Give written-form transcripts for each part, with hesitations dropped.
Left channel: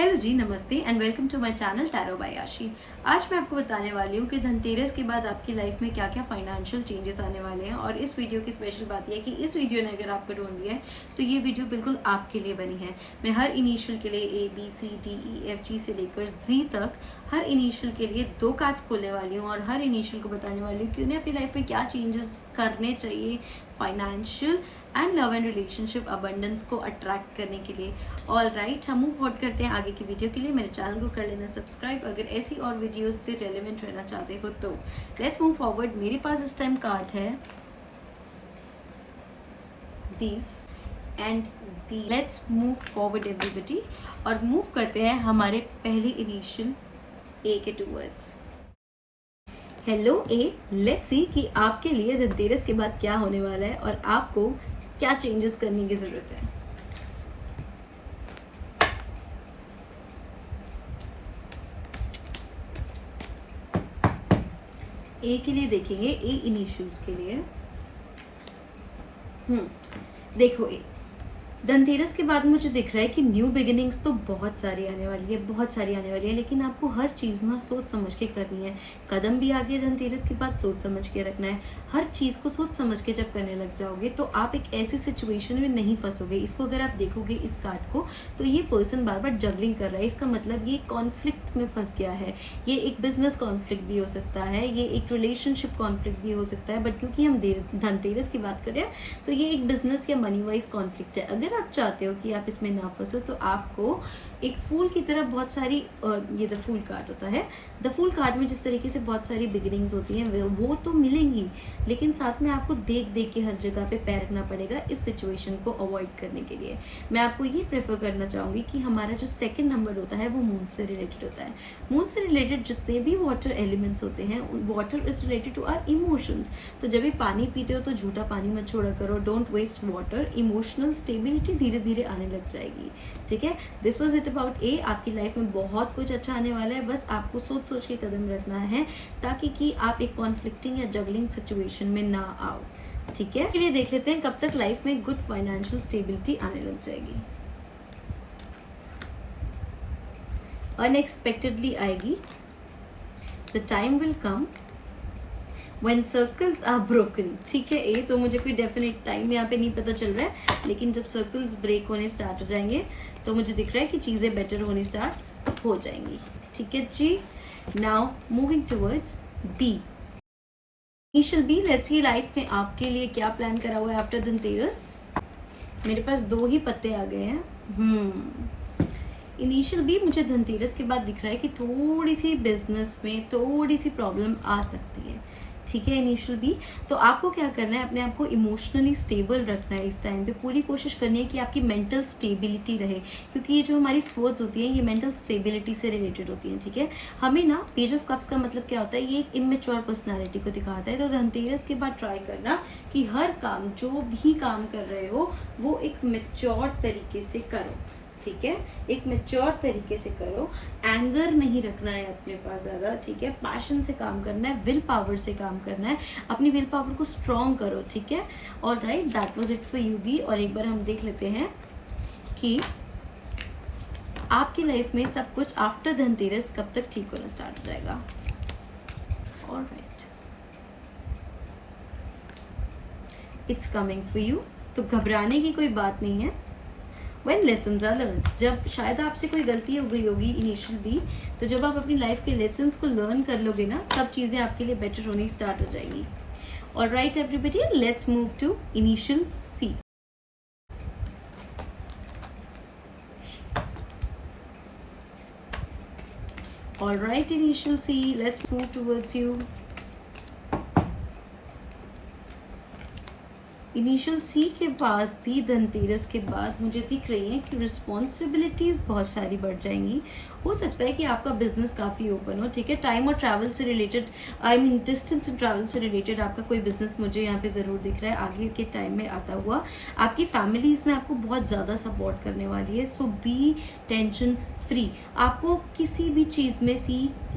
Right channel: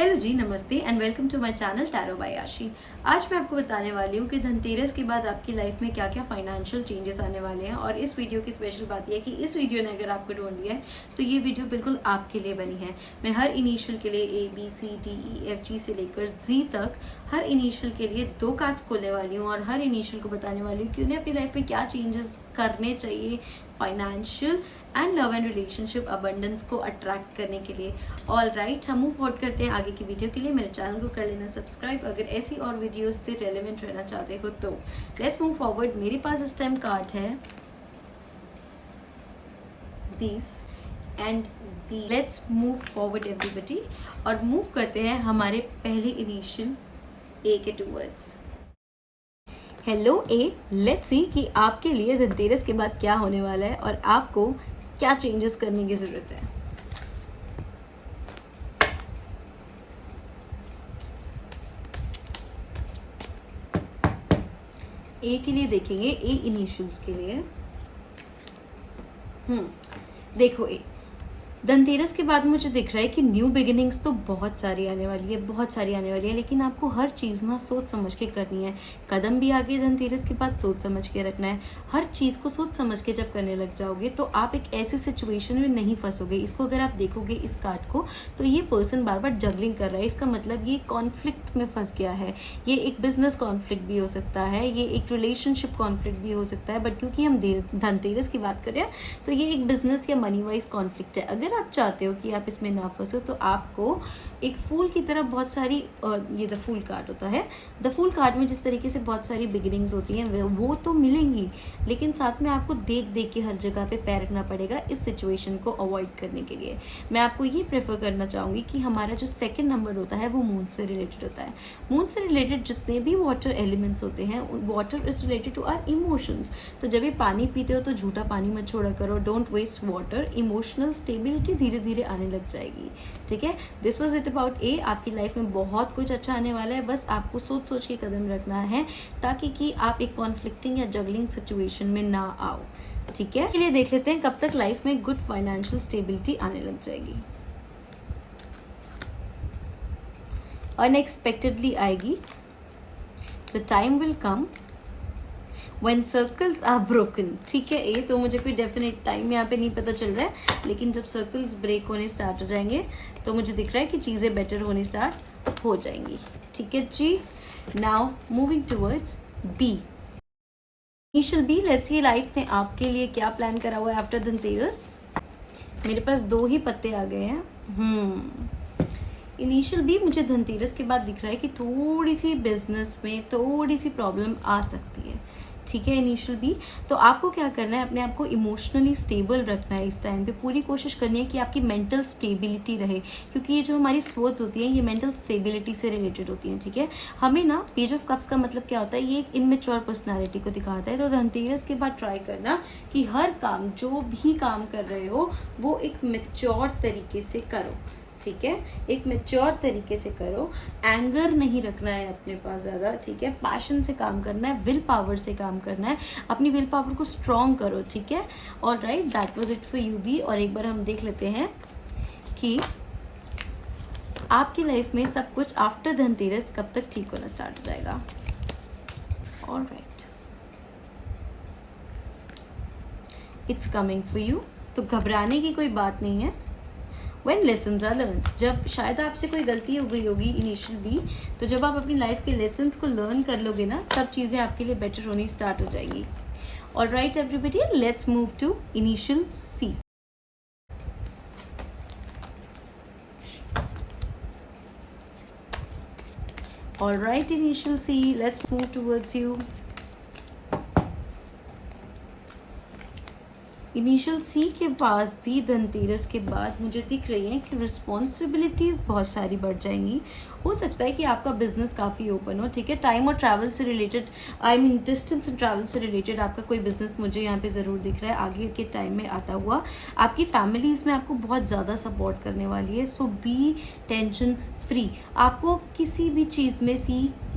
Hello ji, नमस्ते and welcome to my channel tarot by Ashi. आज मैं आपको बताने वाली हूँ कि धनतेरस के बाद आपकी लाइफ में क्या क्या फाइनेंशियल चेंजेस आने वाले हैं। और इस वीडियो की स्पेशल बात यह है कि इस वीडियो ने अगर आपको ढूंढ लिया है तो ये वीडियो बिल्कुल आपके लिए बनी है। मैं हर इनिशियल के लिए ABCDEFG से लेकर Z तक हर इनिशियल के लिए 2 कार्ड्स खोलने वाली हूँ और हर इनिशियल को बताने वाली हूँ कि उन्हें अपनी लाइफ में क्या चेंजेस करने चाहिए financial and love and relationship abundance को अट्रैक्ट करने के लिए। ऑल राइट, हम मूव फॉरवर्ड करते हैं आगे की वीडियो के लिए। मेरे चैनल को कर लेना सब्सक्राइब अगर ऐसी और वीडियोस से रेलेवेंट रहना चाहते हो तो। Let's move forward. मेरे पास इस टाइम कार्ड है this and the. Let's move forward everybody और मूव करते हैं हमारे पहले इनिशियल ए के towards. Hello A, let's see कि आपके लिए धनतेरस के बाद क्या होने वाला है और आपको क्या चेंजेस करने की ज़रूरत है। ए के लिए देखेंगे, ए इनिशियल्स के लिए। देखो ए, धनतेरस के बाद मुझे दिख रहा है कि न्यू बिगिनिंग्स तो बहुत सारी आने वाली है, लेकिन आपको हर चीज़ ना सोच समझ के करनी है। कदम भी आगे धनतेरस के बाद सोच समझ के रखना है। हर चीज़ को सोच समझ के जब करने लग जाओगे तो आप एक ऐसी सिचुएशन में नहीं फंसोगे। इसको अगर आप देखोगे इस कार्ड को, तो ये पर्सन बार बार जगलिंग कर रहा है। इसका मतलब ये कॉन्फ्लिक्ट में फंस गया है। ये एक बिजनेस कॉन्फ्लिक्ट भी हो सकता है, ये एक रिलेशनशिप कॉन्फ्लिक्ट भी हो सकता है, बट क्योंकि हम धनतेरस की बात कर रहे हैं तो ये एक बिजनेस या मनी वाइज कॉन्फ्लिक्ट है। अगर आप चाहते हो कि आप इसमें ना फंसो तो आपको एक फूल की तरह बहुत सारी, ये द फूल कार्ड होता है। द फूल कार्ड में जिस तरीके से बहुत सारी बिगिनिंग्स होती हैं वो तो मिलेंगी, लेकिन साथ में आपको देख देख के हर जगह पे पैर रखना पड़ेगा इस सिचुएशन को अवॉइड करने के लिए। मैं आपको ये प्रेफर करना चाहूँगी कि हमारा जो सेकेंड नंबर होता है वो मून से रिलेटेड होता है। मून से रिलेटेड जितने भी वाटर एलिमेंट्स होते हैं, water is related to our emotions. तो जब भी पानी पीते हो तो झूठा पानी मत छोड़ा करो, don't waste water. Emotional stability धीरे धीरे आने लग जाएगी। ठीक है, this was it about A. आपकी लाइफ में बहुत कुछ अच्छा आने वाला है, बस आपको सोच सोच के कदम रखना है ताकि कि आप एक कॉन्फ्लिक्टिंग या जगलिंग सिचुएशन में ना आओ। ठीक है, चलिए देख लेते हैं कब तक लाइफ में गुड फाइनेंशियल स्टेबिलिटी आने लग जाएगी। अनएक्सपेक्टेडली आएगी। The time will come when circles are broken। ठीक है ए, तो मुझे कोई डेफिनेट टाइम यहाँ पे नहीं पता चल रहा है, लेकिन जब सर्कल्स ब्रेक होने स्टार्ट हो जाएंगे तो मुझे दिख रहा है कि चीज़ें बेटर होनी स्टार्ट हो जाएंगी। ठीक है जी, now moving towards B initial B. Let's see life में आपके लिए क्या प्लान करा हुआ है आफ्टर धनतेरस। मेरे पास 2 ही पत्ते आ गए हैं। इनिशियल भी मुझे धनतेरस के बाद दिख रहा है कि थोड़ी सी बिजनेस में थोड़ी सी प्रॉब्लम आ सकती है। ठीक है, इनिशियल भी तो आपको क्या करना है, अपने आप को इमोशनली स्टेबल रखना है। इस टाइम पे पूरी कोशिश करनी है कि आपकी मेंटल स्टेबिलिटी रहे, क्योंकि ये जो हमारी सोच होती है ये मेंटल स्टेबिलिटी से रिलेटेड होती है। ठीक है, हमें ना पेज ऑफ कप्स का मतलब क्या होता है, ये एक इमेच्योर पर्सनालिटी को दिखाता है। तो धनतेरस के बाद ट्राई करना कि हर काम, जो भी काम कर रहे हो वो एक मेच्योर तरीके से करो। ठीक है, एक मेच्योर तरीके से करो। एंगर नहीं रखना है अपने पास ज़्यादा। ठीक है, पैशन से काम करना है, विल पावर से काम करना है, अपनी विल पावर को स्ट्रॉन्ग करो। ठीक है, all right, that was it for you B. और एक बार हम देख लेते हैं कि आपकी लाइफ में सब कुछ आफ्टर धनतेरस कब तक ठीक होना स्टार्ट हो जाएगा। All right, it's coming for you. तो घबराने की कोई बात नहीं है। When lessons are learned, जब शायद आपसे कोई गलती हो गई होगी इनिशियल भी, तो जब आप अपनी लाइफ के लेसन्स को लर्न कर लोगे ना, तब चीज़ें आपके लिए बेटर होनी स्टार्ट हो जाएगी। All right everybody, let's move to initial C. All right initial C, let's move towards U. Initial C के पास भी धनतेरस के बाद मुझे दिख रही है कि रिस्पॉन्सिबिलिटीज़ बहुत सारी बढ़ जाएंगी। हो सकता है कि आपका बिजनेस काफ़ी ओपन हो। ठीक है, टाइम और ट्रैवल से related, I mean distance and travel से रिलेटेड आपका कोई बिजनेस मुझे यहाँ पे ज़रूर दिख रहा है आगे के टाइम में आता हुआ। आपकी फैमिली इसमें आपको बहुत ज़्यादा सपोर्ट करने वाली है। सो बी टेंशन फ्री। आपको किसी भी चीज़ में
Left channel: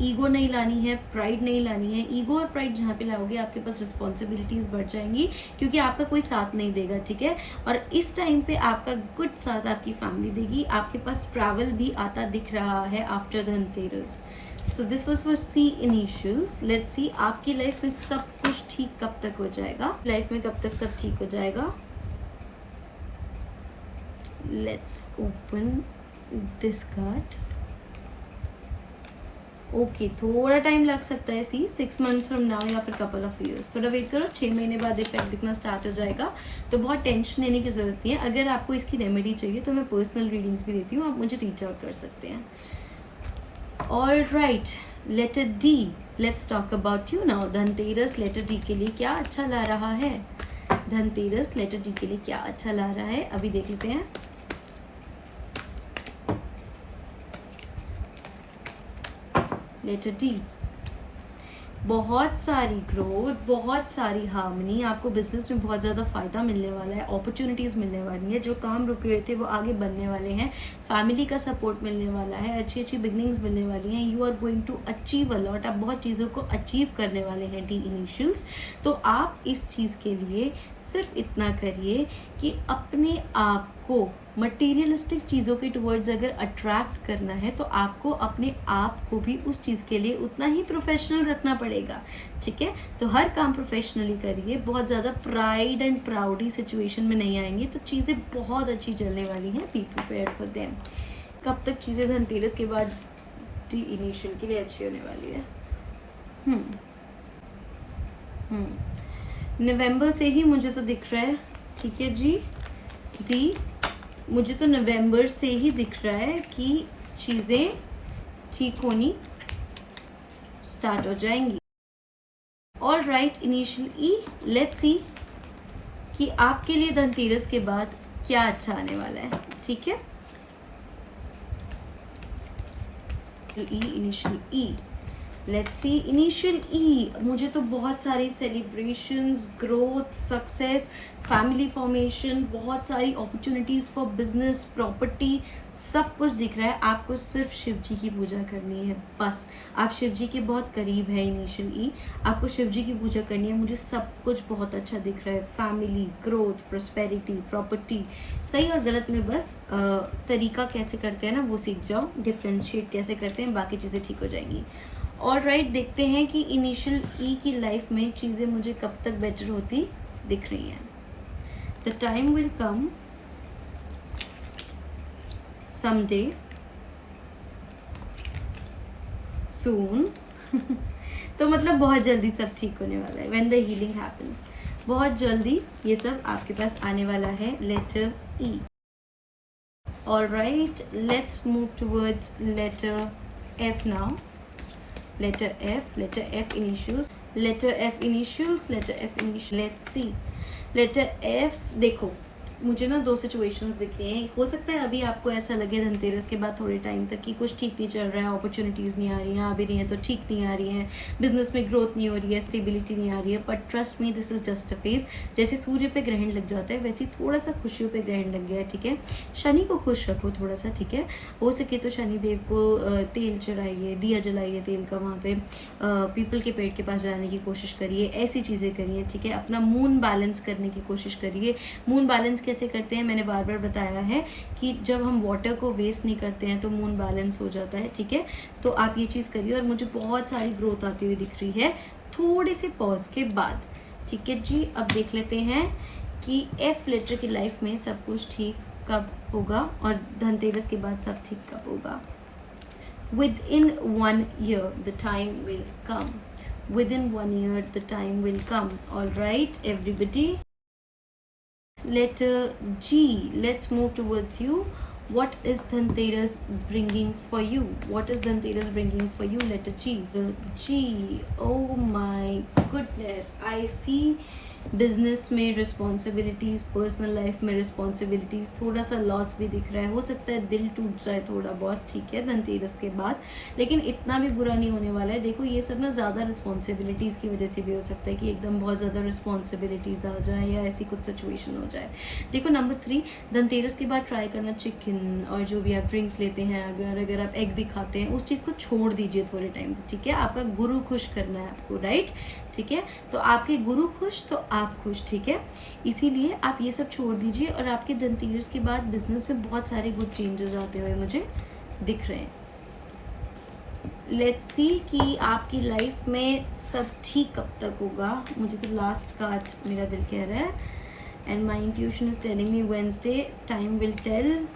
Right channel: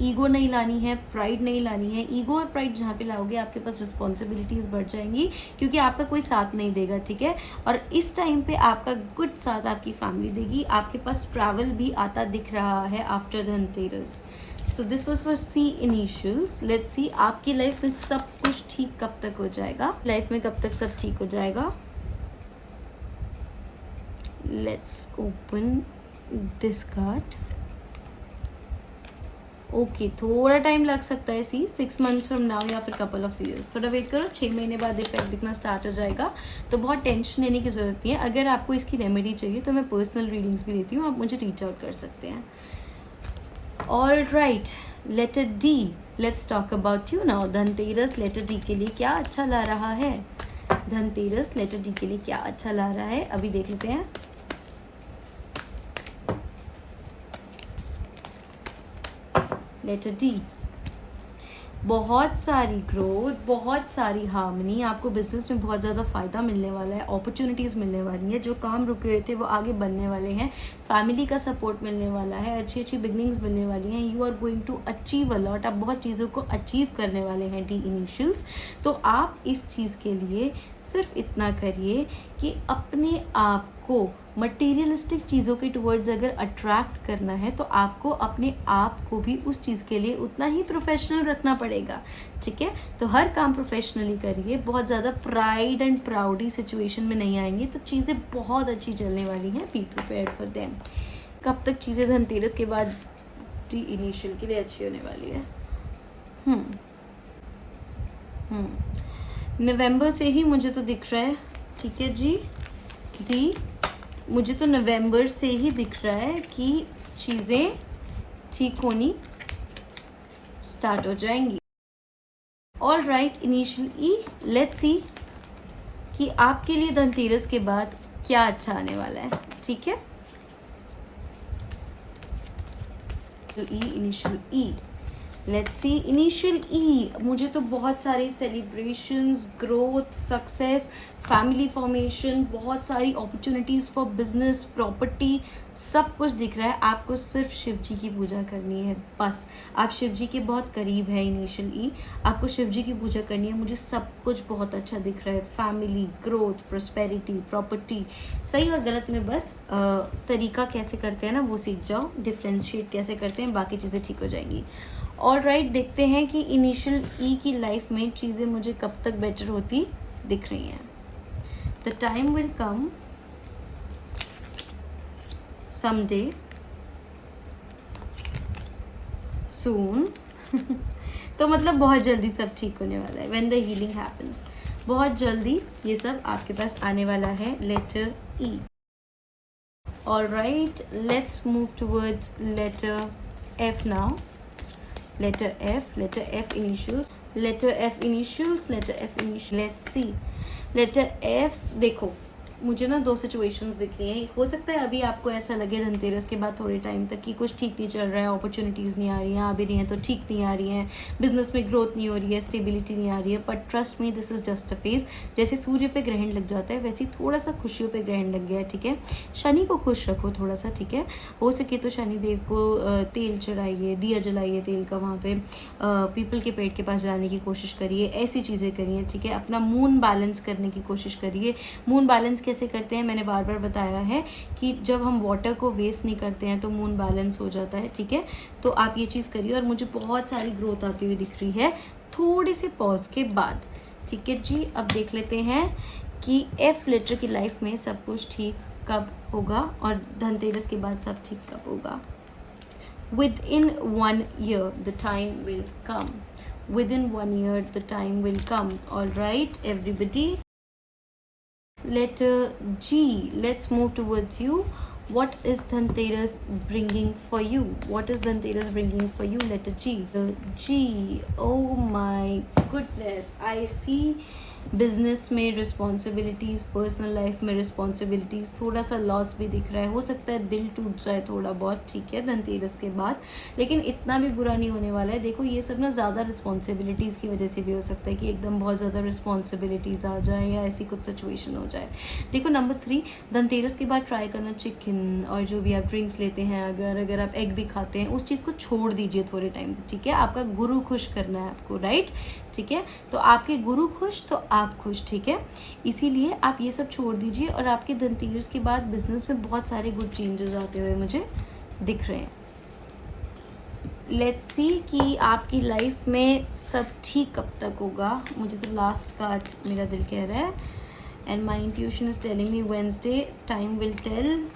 ईगो नहीं लानी है, प्राइड नहीं लानी है। ईगो और प्राइड जहाँ पे लाओगे आपके पास रिस्पॉन्सिबिलिटीज़ बढ़ जाएंगी, क्योंकि आपका कोई साथ नहीं देगा, ठीक है। और इस टाइम पे आपका गुड साथ आपकी फैमिली देगी। आपके पास ट्रैवल भी आता दिख रहा है after Dhanteras. So this was for C initials. Let's see आपकी लाइफ में सब कुछ ठीक कब तक हो जाएगा, लाइफ में कब तक सब ठीक हो जाएगा। Let's open this card. Okay, थोड़ा टाइम लग सकता है, 6 months फ्रॉम नाउ या फिर कपल ऑफ ईयर्स। थोड़ा वेट करो, 6 महीने बाद इफेक्ट दिखना स्टार्ट हो जाएगा। तो बहुत टेंशन लेने की ज़रूरत नहीं है। अगर आपको इसकी रेमेडी चाहिए तो मैं पर्सनल रीडिंग्स भी देती हूँ, आप मुझे रीच आउट कर सकते हैं। All right, letter D, let's talk about you now. Dhanteras letter D के लिए क्या अच्छा ला रहा है? धनतेरस लेटर डी के लिए क्या अच्छा ला रहा है, अभी देख लेते हैं। लेटर डी, बहुत सारी ग्रोथ, बहुत सारी हार्मनी। आपको बिजनेस में बहुत ज़्यादा फ़ायदा मिलने वाला है, अपॉर्चुनिटीज़ मिलने वाली हैं, जो काम रुके हुए थे वो आगे बढ़ने वाले हैं। फैमिली का सपोर्ट मिलने वाला है, अच्छी अच्छी बिगनिंग्स मिलने वाली हैं। You are going to achieve a lot. आप बहुत चीज़ों को अचीव करने वाले हैं, डी इनिशियल्स। तो आप इस चीज़ के लिए सिर्फ इतना करिए कि अपने आप को मटेरियलिस्टिक चीज़ों के टुवर्ड्स अगर अट्रैक्ट करना है तो आपको अपने आप को भी उस चीज़ के लिए उतना ही प्रोफेशनल रखना पड़ेगा, ठीक है। तो हर काम प्रोफेशनली करिए, बहुत ज़्यादा प्राइड एंड प्राउडी सिचुएशन में नहीं आएंगे तो चीज़ें बहुत अच्छी चलने वाली हैं। Be prepared for them. कब तक चीज़ें धनतेरस के बाद डी इनिशियल के लिए अच्छी होने वाली है? नवंबर से ही मुझे तो दिख रहा है, ठीक है जी। डी, मुझे तो नवंबर से ही दिख रहा है कि चीज़ें ठीक होनी स्टार्ट हो जाएंगी। All right, initial E, let's सी कि आपके लिए धनतेरस के बाद क्या अच्छा आने वाला है, ठीक है। E, initial E, let's see initial E. मुझे तो बहुत सारी celebrations, growth, success, family formation, बहुत सारी अपॉर्चुनिटीज़ फॉर बिजनेस, प्रॉपर्टी, सब कुछ दिख रहा है। आपको सिर्फ शिव जी की पूजा करनी है, बस। आप शिव जी के बहुत करीब है इनिशियल ई, आपको शिव जी की पूजा करनी है। मुझे सब कुछ बहुत अच्छा दिख रहा है, फैमिली, ग्रोथ, प्रोस्पेरिटी, प्रॉपर्टी। सही और गलत में बस तरीका कैसे करते हैं ना वो सीख जाओ, डिफ्रेंशिएट कैसे करते हैं, बाकी चीज़ें ठीक हो जाएंगी। ऑल राइट, देखते हैं कि इनिशियल ई की लाइफ में चीज़ें मुझे कब तक बेटर होती दिख रही हैं। The time will come someday soon तो मतलब बहुत जल्दी सब ठीक होने वाला है। when the healing happens, बहुत जल्दी ये सब आपके पास आने वाला है। Letter E. all right, let's move towards letter F now. letter F initials, letter F initials, letter F initials. let's see, letter F, देखो मुझे ना 2 सिचुएशंस दिख रही हैं। हो सकता है अभी आपको ऐसा लगे धनतेरस के बाद थोड़े टाइम तक कि कुछ ठीक नहीं चल रहा है, अपॉर्चुनिटीज़ नहीं आ रही हैं, आ भी रही हैं तो ठीक नहीं आ रही हैं, बिजनेस में ग्रोथ नहीं हो रही है, स्टेबिलिटी नहीं आ रही है। But trust me, this is just a phase. जैसे सूर्य पे ग्रहण लग जाता है वैसे ही थोड़ा सा खुशियों पे ग्रहण लग गया है, ठीक है। शनि को खुश रखो थोड़ा सा, ठीक है। हो सके तो शनि देव को तेल चढ़ाइए, दिया जलाइए तेल का, वहाँ पे पीपल के पेड़ के पास जाने की कोशिश करिए, ऐसी चीज़ें करिए, ठीक है। अपना मून बैलेंस करने की कोशिश करिए। मून बैलेंस कैसे करते हैं, मैंने बार बार बताया है कि जब हम वाटर को वेस्ट नहीं करते हैं तो मून बैलेंस हो जाता है, ठीक है। तो आप ये चीज़ करिए। और मुझे बहुत सारी ग्रोथ आती हुई दिख रही है थोड़े से पॉज के बाद, ठीक है जी। अब देख लेते हैं कि एफ लेटर की लाइफ में सब कुछ ठीक कब होगा और धनतेरस के बाद सब ठीक कब होगा। Within 1 year the time will come. Within 1 year the time will come. All right, everybody. Letter G, let's move towards you. What is Dhanteras bringing for you? What is Dhanteras bringing for you? Letter G. The G, oh my goodness, I see business में responsibilities, personal life में responsibilities, थोड़ा सा loss भी दिख रहा है, हो सकता है दिल टूट जाए थोड़ा बहुत, ठीक है, धनतेरस के बाद, लेकिन इतना भी बुरा नहीं होने वाला है। देखो ये सब ना ज़्यादा रिस्पॉन्सिबिलिटीज़ की वजह से भी हो सकता है कि एकदम बहुत ज़्यादा रिस्पॉन्सिबिलिटीज़ आ जाए या ऐसी कुछ सिचुएशन हो जाए। देखो नंबर 3, धनतेरस के बाद ट्राई करना चिकन, और जो भी आप ड्रिंक्स लेते हैं, अगर आप एग भी खाते हैं, उस चीज़ को छोड़ दीजिए थोड़े टाइम, ठीक है। आपका गुरु खुश करना है आपको, राइट, ठीक है। तो आपके गुरु खुश तो आप खुश, ठीक है। इसीलिए आप ये सब छोड़ दीजिए, और आपके धनतेरस के बाद बिजनेस में बहुत सारे गुड चेंजेस आते हुए मुझे दिख रहे हैं। लेट्स सी कि आपकी लाइफ में सब ठीक कब तक होगा। मुझे तो लास्ट कार्ड मेरा दिल कह रहा है, and my intuition is telling me Wednesday, time will tell.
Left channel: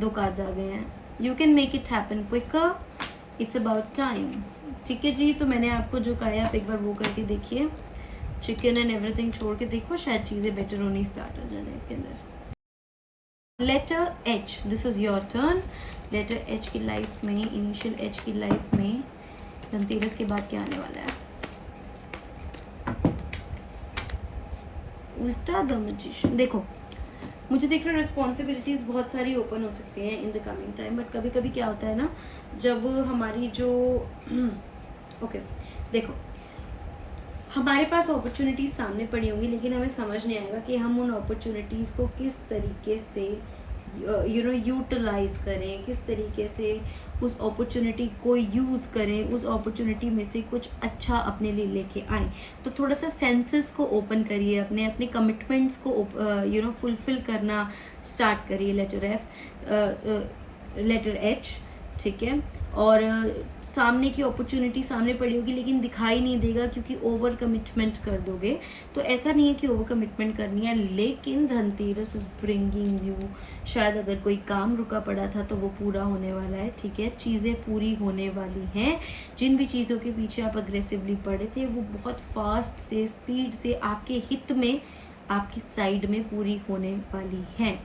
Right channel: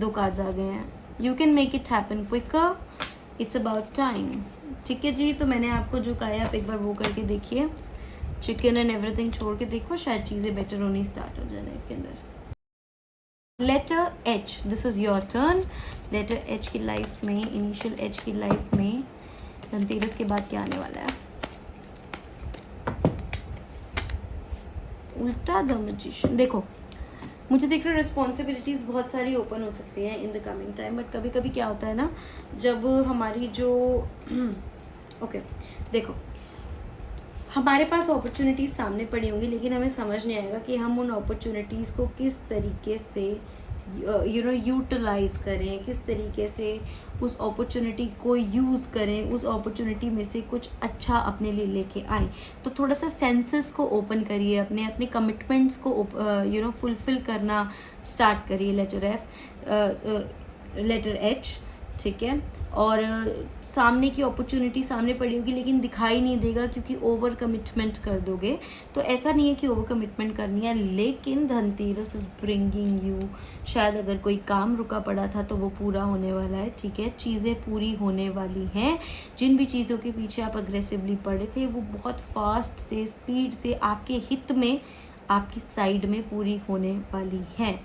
2 cards आ गए हैं। You can make it happen quicker, it's about time, ठीक है जी। तो मैंने आपको जो कहा है आप एक बार वो करके देखिए, चिकन एंड एवरीथिंग छोड़ के देखो, शायद चीज़ें बेटर होनी स्टार्ट हो जाने के अंदर। Letter H, this is your turn. Letter H की लाइफ में, इनिशियल एच की लाइफ में धनतेरस के बाद क्या आने वाला है? उल्टा द मैजिशियन। देखो मुझे दिख रहा है रिस्पॉन्सिबिलिटीज़ बहुत सारी ओपन हो सकती हैं इन द कमिंग टाइम, बट कभी कभी क्या होता है ना, जब हमारी जो ओके देखो हमारे पास अपॉर्चुनिटीज़ सामने पड़ी होंगी, लेकिन हमें समझ नहीं आएगा कि हम उन अपॉर्चुनिटीज़ को किस तरीके से यूटिलाइज करें, किस तरीके से उस अपॉर्चुनिटी को यूज़ करें, उस अपॉर्चुनिटी में से कुछ अच्छा अपने लिए लेके आए। तो थोड़ा सा सेंसेस को ओपन करिए, अपने अपने कमिटमेंट्स को फुलफिल करना स्टार्ट करिए। लेटर एच, ठीक है। और सामने की अपॉर्चुनिटी सामने पड़ी होगी लेकिन दिखाई नहीं देगा क्योंकि ओवर कमिटमेंट कर दोगे। तो ऐसा नहीं है कि ओवर कमिटमेंट करनी है, लेकिन धनतेरस इज ब्रिंगिंग यू, शायद अगर कोई काम रुका पड़ा था तो वो पूरा होने वाला है, ठीक है। चीज़ें पूरी होने वाली हैं। जिन भी चीज़ों के पीछे आप अग्रेसिवली पड़े थे वो बहुत फास्ट से, स्पीड से, आपके हित में, आपकी साइड में पूरी होने वाली है,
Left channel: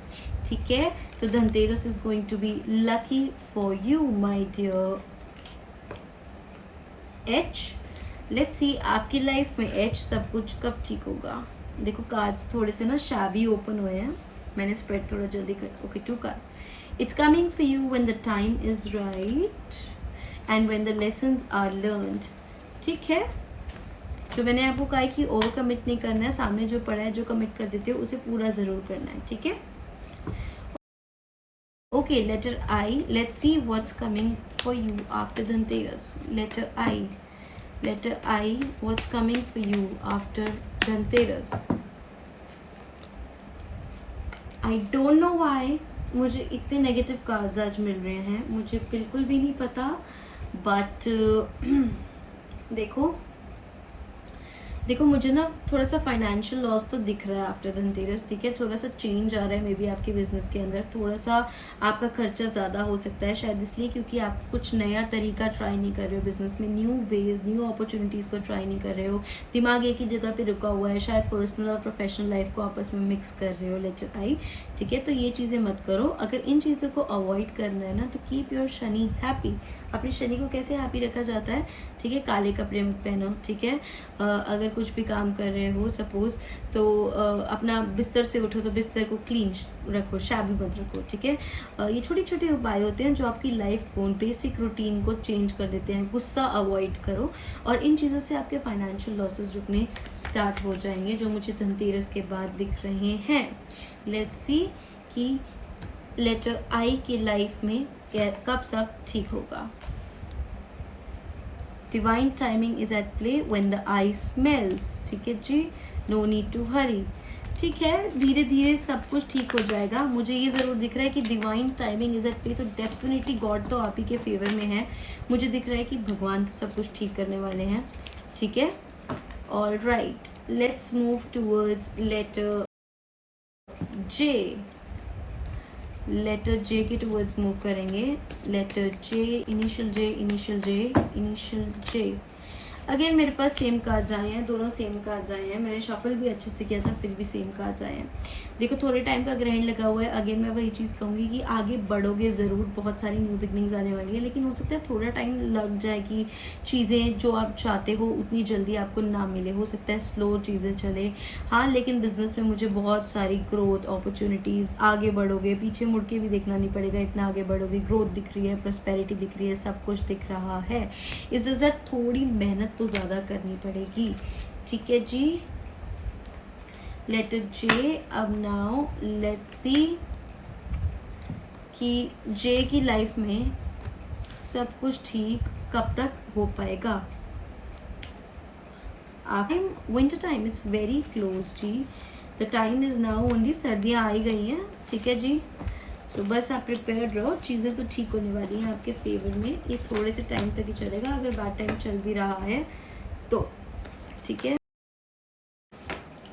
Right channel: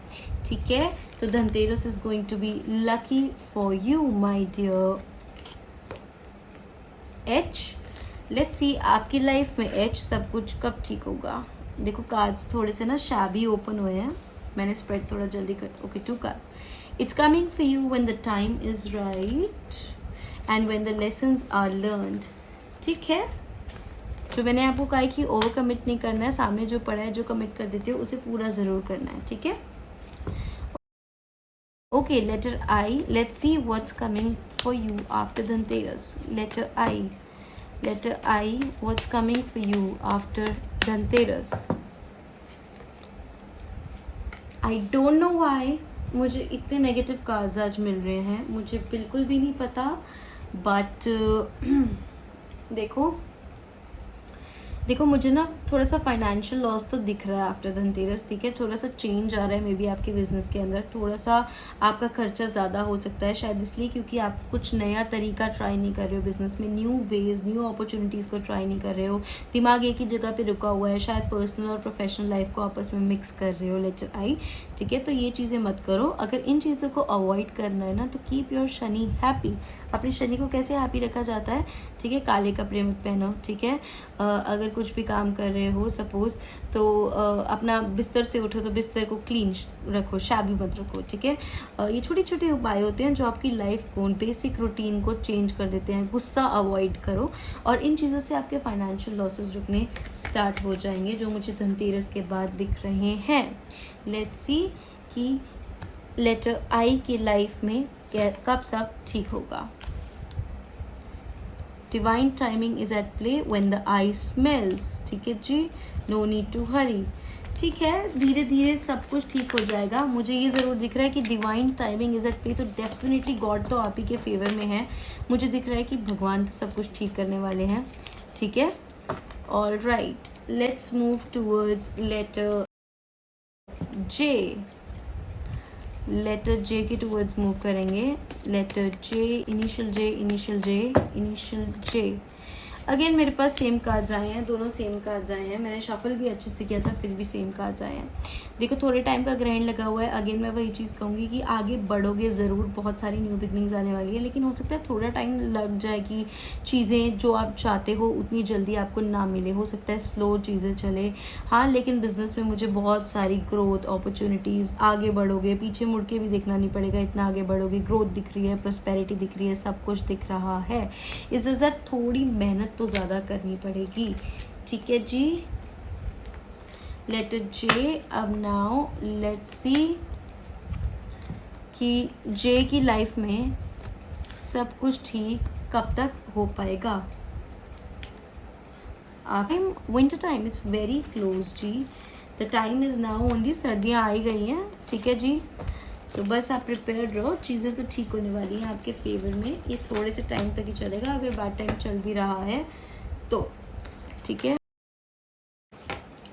ठीक है। तो Dhanteras is going to be lucky for you my dear H. Let's see आपकी लाइफ में एच सब कुछ कब ठीक होगा। देखो कार्ड्स थोड़े से ना शाबी ओपन हुए हैं, मैंने स्प्रेड थोड़ा जल्दी कर, okay 2 cards. It's coming for you when the time is right and when the lessons are learned, ठीक है। जो मैंने आपको कहा है कि ओवर कमिट नहीं करना है, सामने जो पड़ा है, जो कमिट कर देते हो उसे पूरा ज़रूर करना है, ठीक है। Okay letter I, let's see what's coming for you after Dhanteras. Letter I what's coming for you after Dhanteras. I don't know why मुझे इतने नेगेटिव कार्ड्स आज मिल रहे हैं, मुझे बिल्कुल भी नहीं पता, बट देखो मुझे ना थोड़ा सा फाइनेंशियल लॉस तो दिख रहा है आफ्टर धनतेरस, ठीक है। थोड़ा सा चेंज आ रहा है मे बी आपके बिजनेस के अंदर, थोड़ा सा आपका खर्चा ज़्यादा हो सकता है, शायद इसलिए क्योंकि आप कुछ नया तरीका ट्राई नहीं कर रहे हो बिजनेस में, न्यू वेज, न्यू अपॉर्चुनिटीज़ को ट्राई नहीं कर रहे हो, दिमाग एक ही जगह पे रुका हुआ है, शायद पर्सनल और प्रोफेशनल लाइफ को आपस में मिक्स कर रहे हो। लेटर आई, ठीक है। तो ये चीज़ें मत करो। अगर इन चीज़ों को अवॉइड करना है ना तो कीप योर शनि हैप्पी। अपने शनि को कैसे हैप्पी रखा जाता है, ठीक है, काले कपड़े मत पहनो, ठीक है। अगर कुछ भी काम कर रहे हो सपोज तो अपना बिस्तर से उठो तो बिस्तर को क्लीन रखो, शाबी मत रखो, ठीक है। ये छोटे छोटे उपाय होते हैं जो आपकी लाइफ को, बेसिक रूटीन को चेंज कर देते हैं। गुस्सा अवॉइड करो और इन चीज़ों से आपके फाइनेंशियल लॉसेस रुकने स्टार्ट हो जाएंगे जो मुझे धनतेरस के बाद दिख रहे हैं। लेट्स सी कि लेटर आई की लाइफ में कब सब ठीक होगा। Divine timing is at play when the I smells, ठीक है जी। नो नीड टू हरी, ठीक है। धीरे धीरे सब कुछ ठीक हो जाएगा। मुझे ये ज़रूर दिख रहा है कि divine timing is at play, तो डेफिनेटली गॉड तो आप ही के फेवर में है। मुझे दिख रहा है कि भगवान तो सब कुछ ठीक करने वाले हैं, ठीक है। All right, let's move towards letter J. Letter J के टूवर्ड्स मूव करेंगे। Letter J, initial J, initial J, initial J. Again मेरे पास सेम कार्ड्स आए हैं, दोनों सेम कार्ड्स आए हैं। मैंने शफल भी अच्छे से किया था, फिर भी सेम कार्ड्स आए हैं। देखो थोड़े टाइम का ग्रहण लगा हुआ है। अगेन मैं वही चीज़ कहूँगी कि आगे बढ़ोगे ज़रूर, बहुत सारी न्यू बिगनिंग्स आने वाली है, लेकिन हो सकता है थोड़ा टाइम लग जाए कि चीज़ें जो आप चाहते हो उतनी जल्दी आपको ना मिले, हो सकता है स्लो चीज़ें चले। हाँ, लेकिन बिजनेस में मुझे बहुत सारी ग्रोथ अपॉर्चुनिटीज़, आगे बढ़ोगे, पीछे मुड़ के भी देखना नहीं पड़ेगा, इतना आगे बढ़ोगे। ग्रोथ दिख रही है, प्रॉस्पेरिटी दिख रही है, सब कुछ दिख रहा है। इस वजह थोड़ी मेहनत तो ज़्यादा करनी पड़ेगी। ठीक है जी, लेटर जे। अब नाउ लेट्स सी कि जे की लाइफ में सब कुछ ठीक कब तक हो पाएगा। Winter time is very close जी, the time is now only, सर्दियाँ आई गई हैं। ठीक है जी, तो बस आप प्रिपेयर रहो, चीज़ें तो ठीक होने वाली हैं आपके फेवर में। ये थोड़े से टाइम तक ही चलेगा, अगर बैड टाइम चल भी रहा है तो। ठीक है,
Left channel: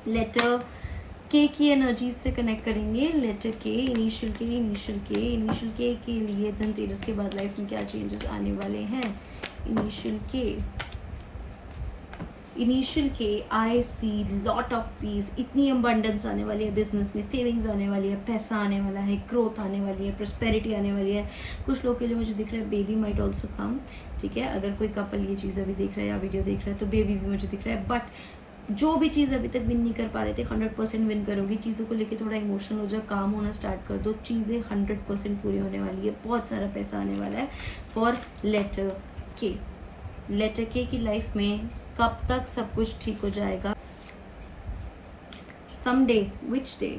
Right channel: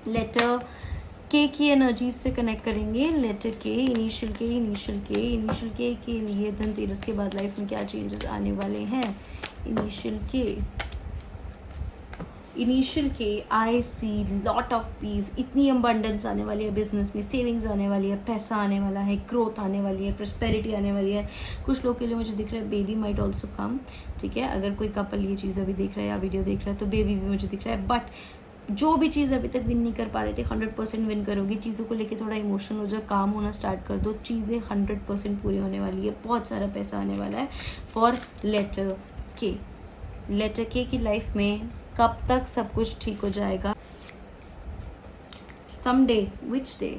लेटर के की एनर्जीज से कनेक्ट करेंगे। लेटर के, इनिशियल के, इनिशियल के, इनिशियल के लिए धनतेरस के बाद लाइफ में क्या चेंजेस आने वाले हैं। इनिशियल के आई सी लॉट ऑफ पीस, इतनी अबंडेंस आने वाली है बिजनेस में, सेविंग्स आने वाली है, पैसा आने वाला है, ग्रोथ आने वाली है, प्रॉस्पेरिटी आने वाली है। कुछ लोग के लिए मुझे दिख रहा है बेबी माइट ऑल्सो कम। ठीक है, अगर कोई कपल ये चीज़ अभी देख रहा है या वीडियो देख रहा है तो बेबी भी मुझे दिख रहा है। बट जो भी चीज़ अभी तक विन नहीं कर पा रहे थे, 100% विन करोगी। चीज़ों को लेके थोड़ा इमोशनल हो जाओ, काम होना स्टार्ट कर दो, चीज़ें 100% पूरी होने वाली है, बहुत सारा पैसा आने वाला है फॉर लेटर के। लेटर के की लाइफ में कब तक सब कुछ ठीक हो जाएगा। Some day, which day,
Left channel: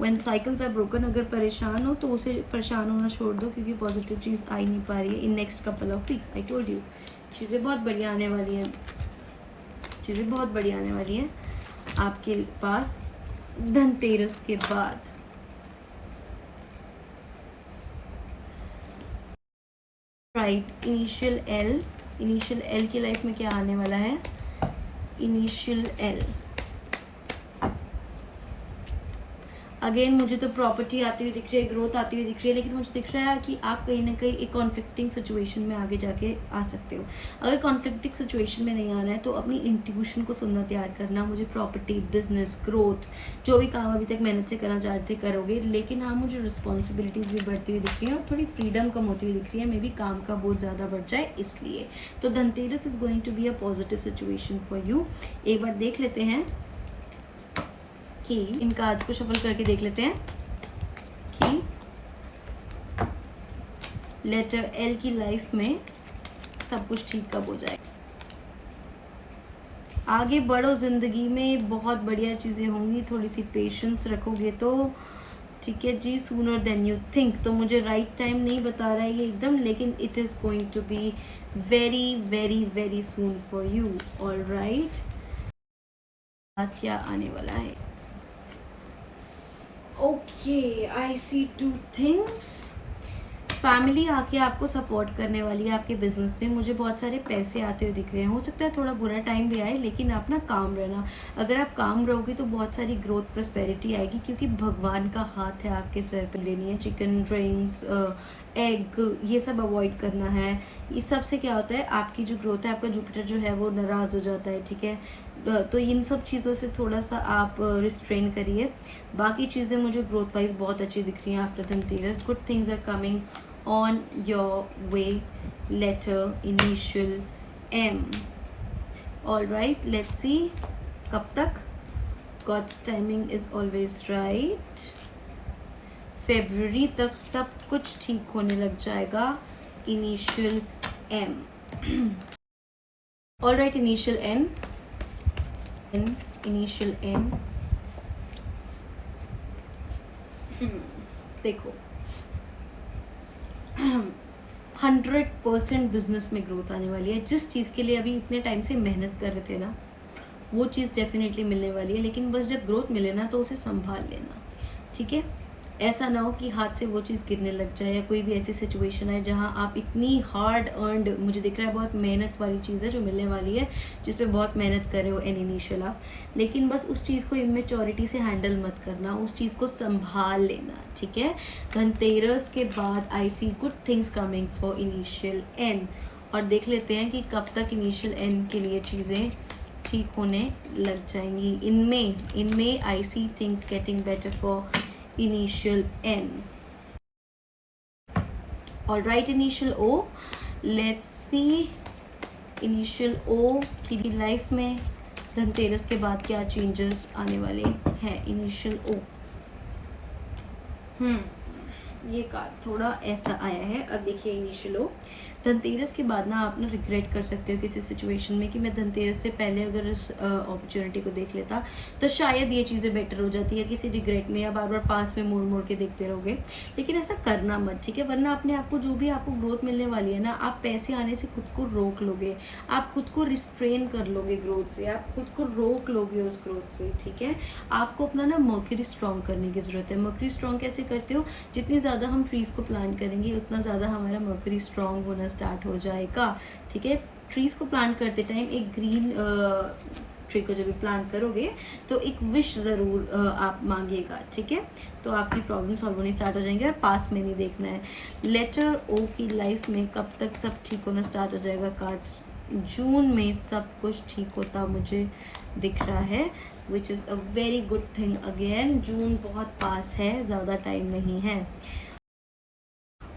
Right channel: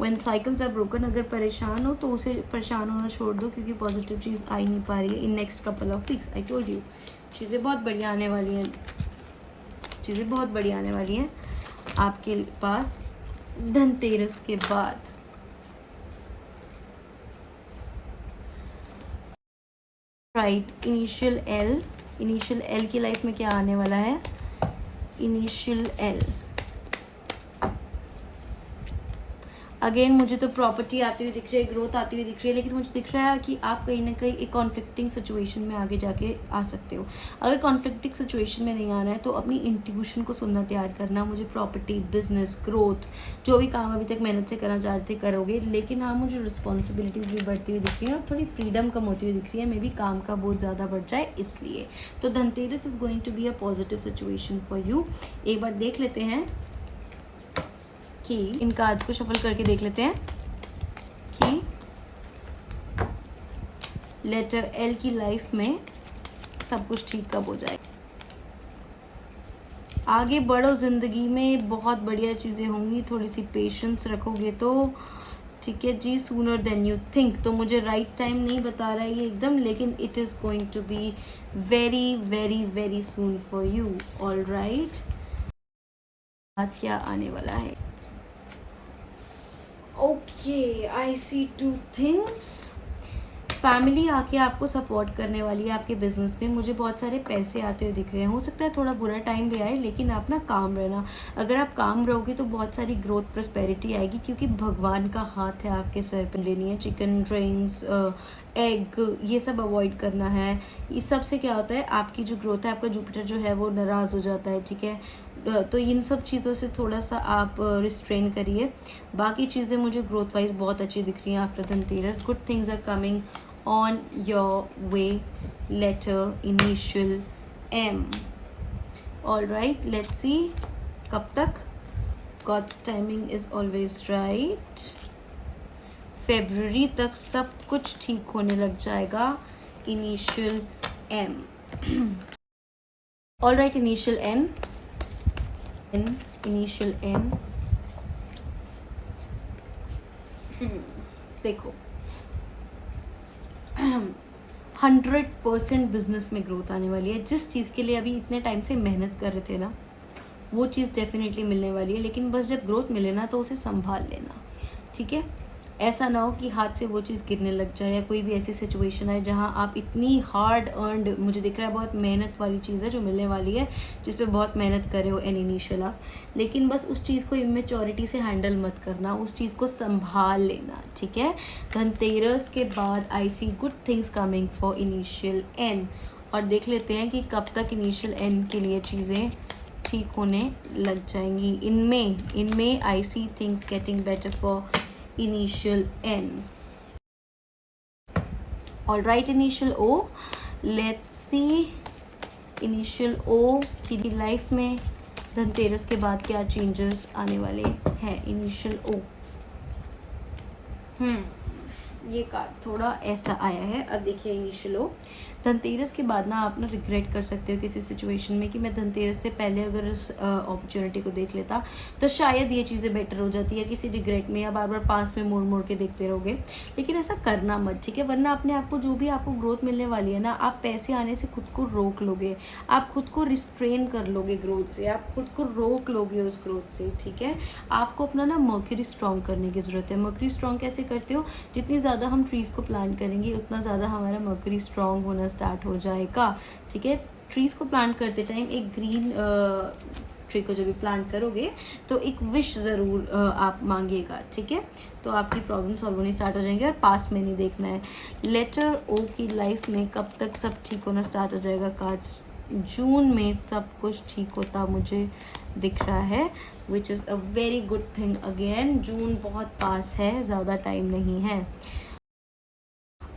when cycles are broken. अगर परेशान हो तो उसे परेशान होना छोड़ दो, क्योंकि पॉजिटिव चीज़ आ ही नहीं पा रही है in next couple of weeks. I told you, चीज़ें बहुत बढ़िया आने वाली हैं, चीज़ें बहुत बढ़िया आने वाली हैं आपके पास धनतेरस के बाद। राइट, इनिशियल एल की लाइफ में क्या आने वाला है। इनिशियल एल, अगेन मुझे तो प्रॉपर्टी आती हुई दिख रही है, ग्रोथ आती हुई दिख रही है, लेकिन मुझे दिख रहा है कि आप कहीं ना कहीं एक कॉन्फ्लिक्टिंग सिचुएशन में आगे जाके आ सकते हो। अगर कॉन्फ्लिक्टिंग सिचुएशन में नहीं आना है तो अपनी इंट्यूशन को सुनना तैयार करना। मुझे प्रॉपर्टी, बिजनेस, ग्रोथ, जो भी काम अभी तक मेहनत से करना चाहते करोगे, लेकिन हाँ मुझे रिस्पॉन्सिबिलिटीज़ भी बढ़ती हुई दिख रही है और थोड़ी फ्रीडम कम होती हुई दिख रही है। मे बी काम का बहुत ज़्यादा बढ़ जाए इसलिए। तो Dhanteras is going to be a positive situation for you. एक बार देख लेते हैं कि इन कार्ड्स को शफल करके देख लेते हैं कि लेटर एल की लाइफ में सब कुछ ठीक कब हो जाए। आगे बढ़ो, जिंदगी में बहुत बढ़िया चीज़ें होंगी, थोड़ी सी पेशेंस रखोगे तो। ठीक है जी, सूनर देन यू थिंक। तो मुझे राइट टाइम नहीं बता रहा है ये एकदम, लेकिन it is going to be very very very soon for you. All right, क्या आने वाला है। Okay, I see two things. Family आके आपको सपोर्ट करने वाली है आपके बिजनेस में। मुझे बहुत सारे पैसे आते हुए दिख रहे हैं। हो सकता है थोड़ा बुरा टाइम भी आए, लेकिन आप ना काम रहना। अगर आप काम रहोगे तो बहुत सारी ग्रोथ, प्रॉस्पेरिटी आएगी, क्योंकि भगवान का हाथ है आपके सर पर। लेनी है चिकन, ड्रिंक्स, एग, ये सब अवॉइड करना है। इस सब से क्या होता है, आपकी जो ग्रोथ है, आपका जुपिटर जो है वो नाराज़ हो जाता है। ठीक है, तो इन सब चीज़ों से थोड़ा सा आप रिस्ट्रेन करिए। बाकी चीज़ें मुझे ग्रोथ वाइज बहुत अच्छी दिख रही हैं after Dhanteras. Good things are coming on your way, letter initial M. All right, let's see कब तक। God's timing is always right. February तक सब कुछ ठीक होने लग जाएगा। Initial M. All right, initial N. Initial N. देखो 100% बिजनेस में ग्रोथ आने वाली है। जिस चीज़ के लिए अभी इतने टाइम से मेहनत कर रहे थे ना, वो चीज़ डेफिनेटली मिलने वाली है। लेकिन बस जब ग्रोथ मिले ना तो उसे संभाल लेना। ठीक है, ऐसा ना हो कि हाथ से वो चीज़ गिरने लग जाए, या कोई भी ऐसी सिचुएशन है जहाँ आप इतनी हार्ड अर्नड, मुझे दिख रहा है बहुत मेहनत वाली चीज़ है जो मिलने वाली है, जिस पे बहुत मेहनत करे हो एन इनिशियल आप, लेकिन बस उस चीज़ को इमेच्योरिटी से हैंडल मत करना, उस चीज़ को संभाल लेना। ठीक है, धनतेरस के बाद I see good things coming for initial N. और देख लेते हैं कि कब तक इनिशियल एन के लिए चीज़ें ठीक होने लग जाएंगी। इनमें I see things getting better for initial N. All right, initial O, let's see initial O की लाइफ में धनतेरस के बाद क्या चेंजेस आने वाले हैं। इनिशियल ओ, ये कार्ड थोड़ा ऐसा आया है। अब देखिए इनिशियल ओ, धनतेरस के बाद ना आप ना रिग्रेट कर सकते हो किसी सिचुएशन में कि मैं धनतेरस से पहले अगर इस अपॉर्चुनिटी को देख लेता तो शायद ये चीज़ें बेटर हो जाती है। किसी रिग्रेट में या बार बार पास में मोड़ मोड़ के देखते रहोगे, लेकिन ऐसा करना मत, ठीक है। वरना अपने आप को जो भी आपको ग्रोथ मिलने वाली है ना, आप पैसे आने से खुद को रोक लोगे, आप खुद को रिस्ट्रेन कर लोगे ग्रोथ से, आप खुद को रोक लोगे उस ग्रोथ से, ठीक है। आपको अपना ना मर्क्यूरी स्ट्रॉन्ग करने की ज़रूरत है। मर्क्यूरी स्ट्रॉन्ग कैसे करते हो? जितनी ज़्यादा हम ट्रीज़ को प्लांट करेंगे उतना ज़्यादा हमारा मर्क्यूरी स्ट्रॉन्ग होना स्टार्ट हो जाएगा, ठीक है। ट्रीज़ को प्लांट करते टाइम एक ग्रीन ट्री को जब भी प्लांट करोगे तो एक विश ज़रूर आप मांगिएगा, ठीक है। तो आपकी प्रॉब्लम सॉल्व होनी स्टार्ट हो जाएंगे और पास में नहीं देखना है। लेटर ओ की लाइफ में कब तक सब ठीक होना स्टार्ट हो जाएगा? कार्ड्स जून में सब कुछ ठीक होता मुझे दिख रहा है, which is a very good thing. Again June बहुत पास है, ज़्यादा टाइम नहीं है।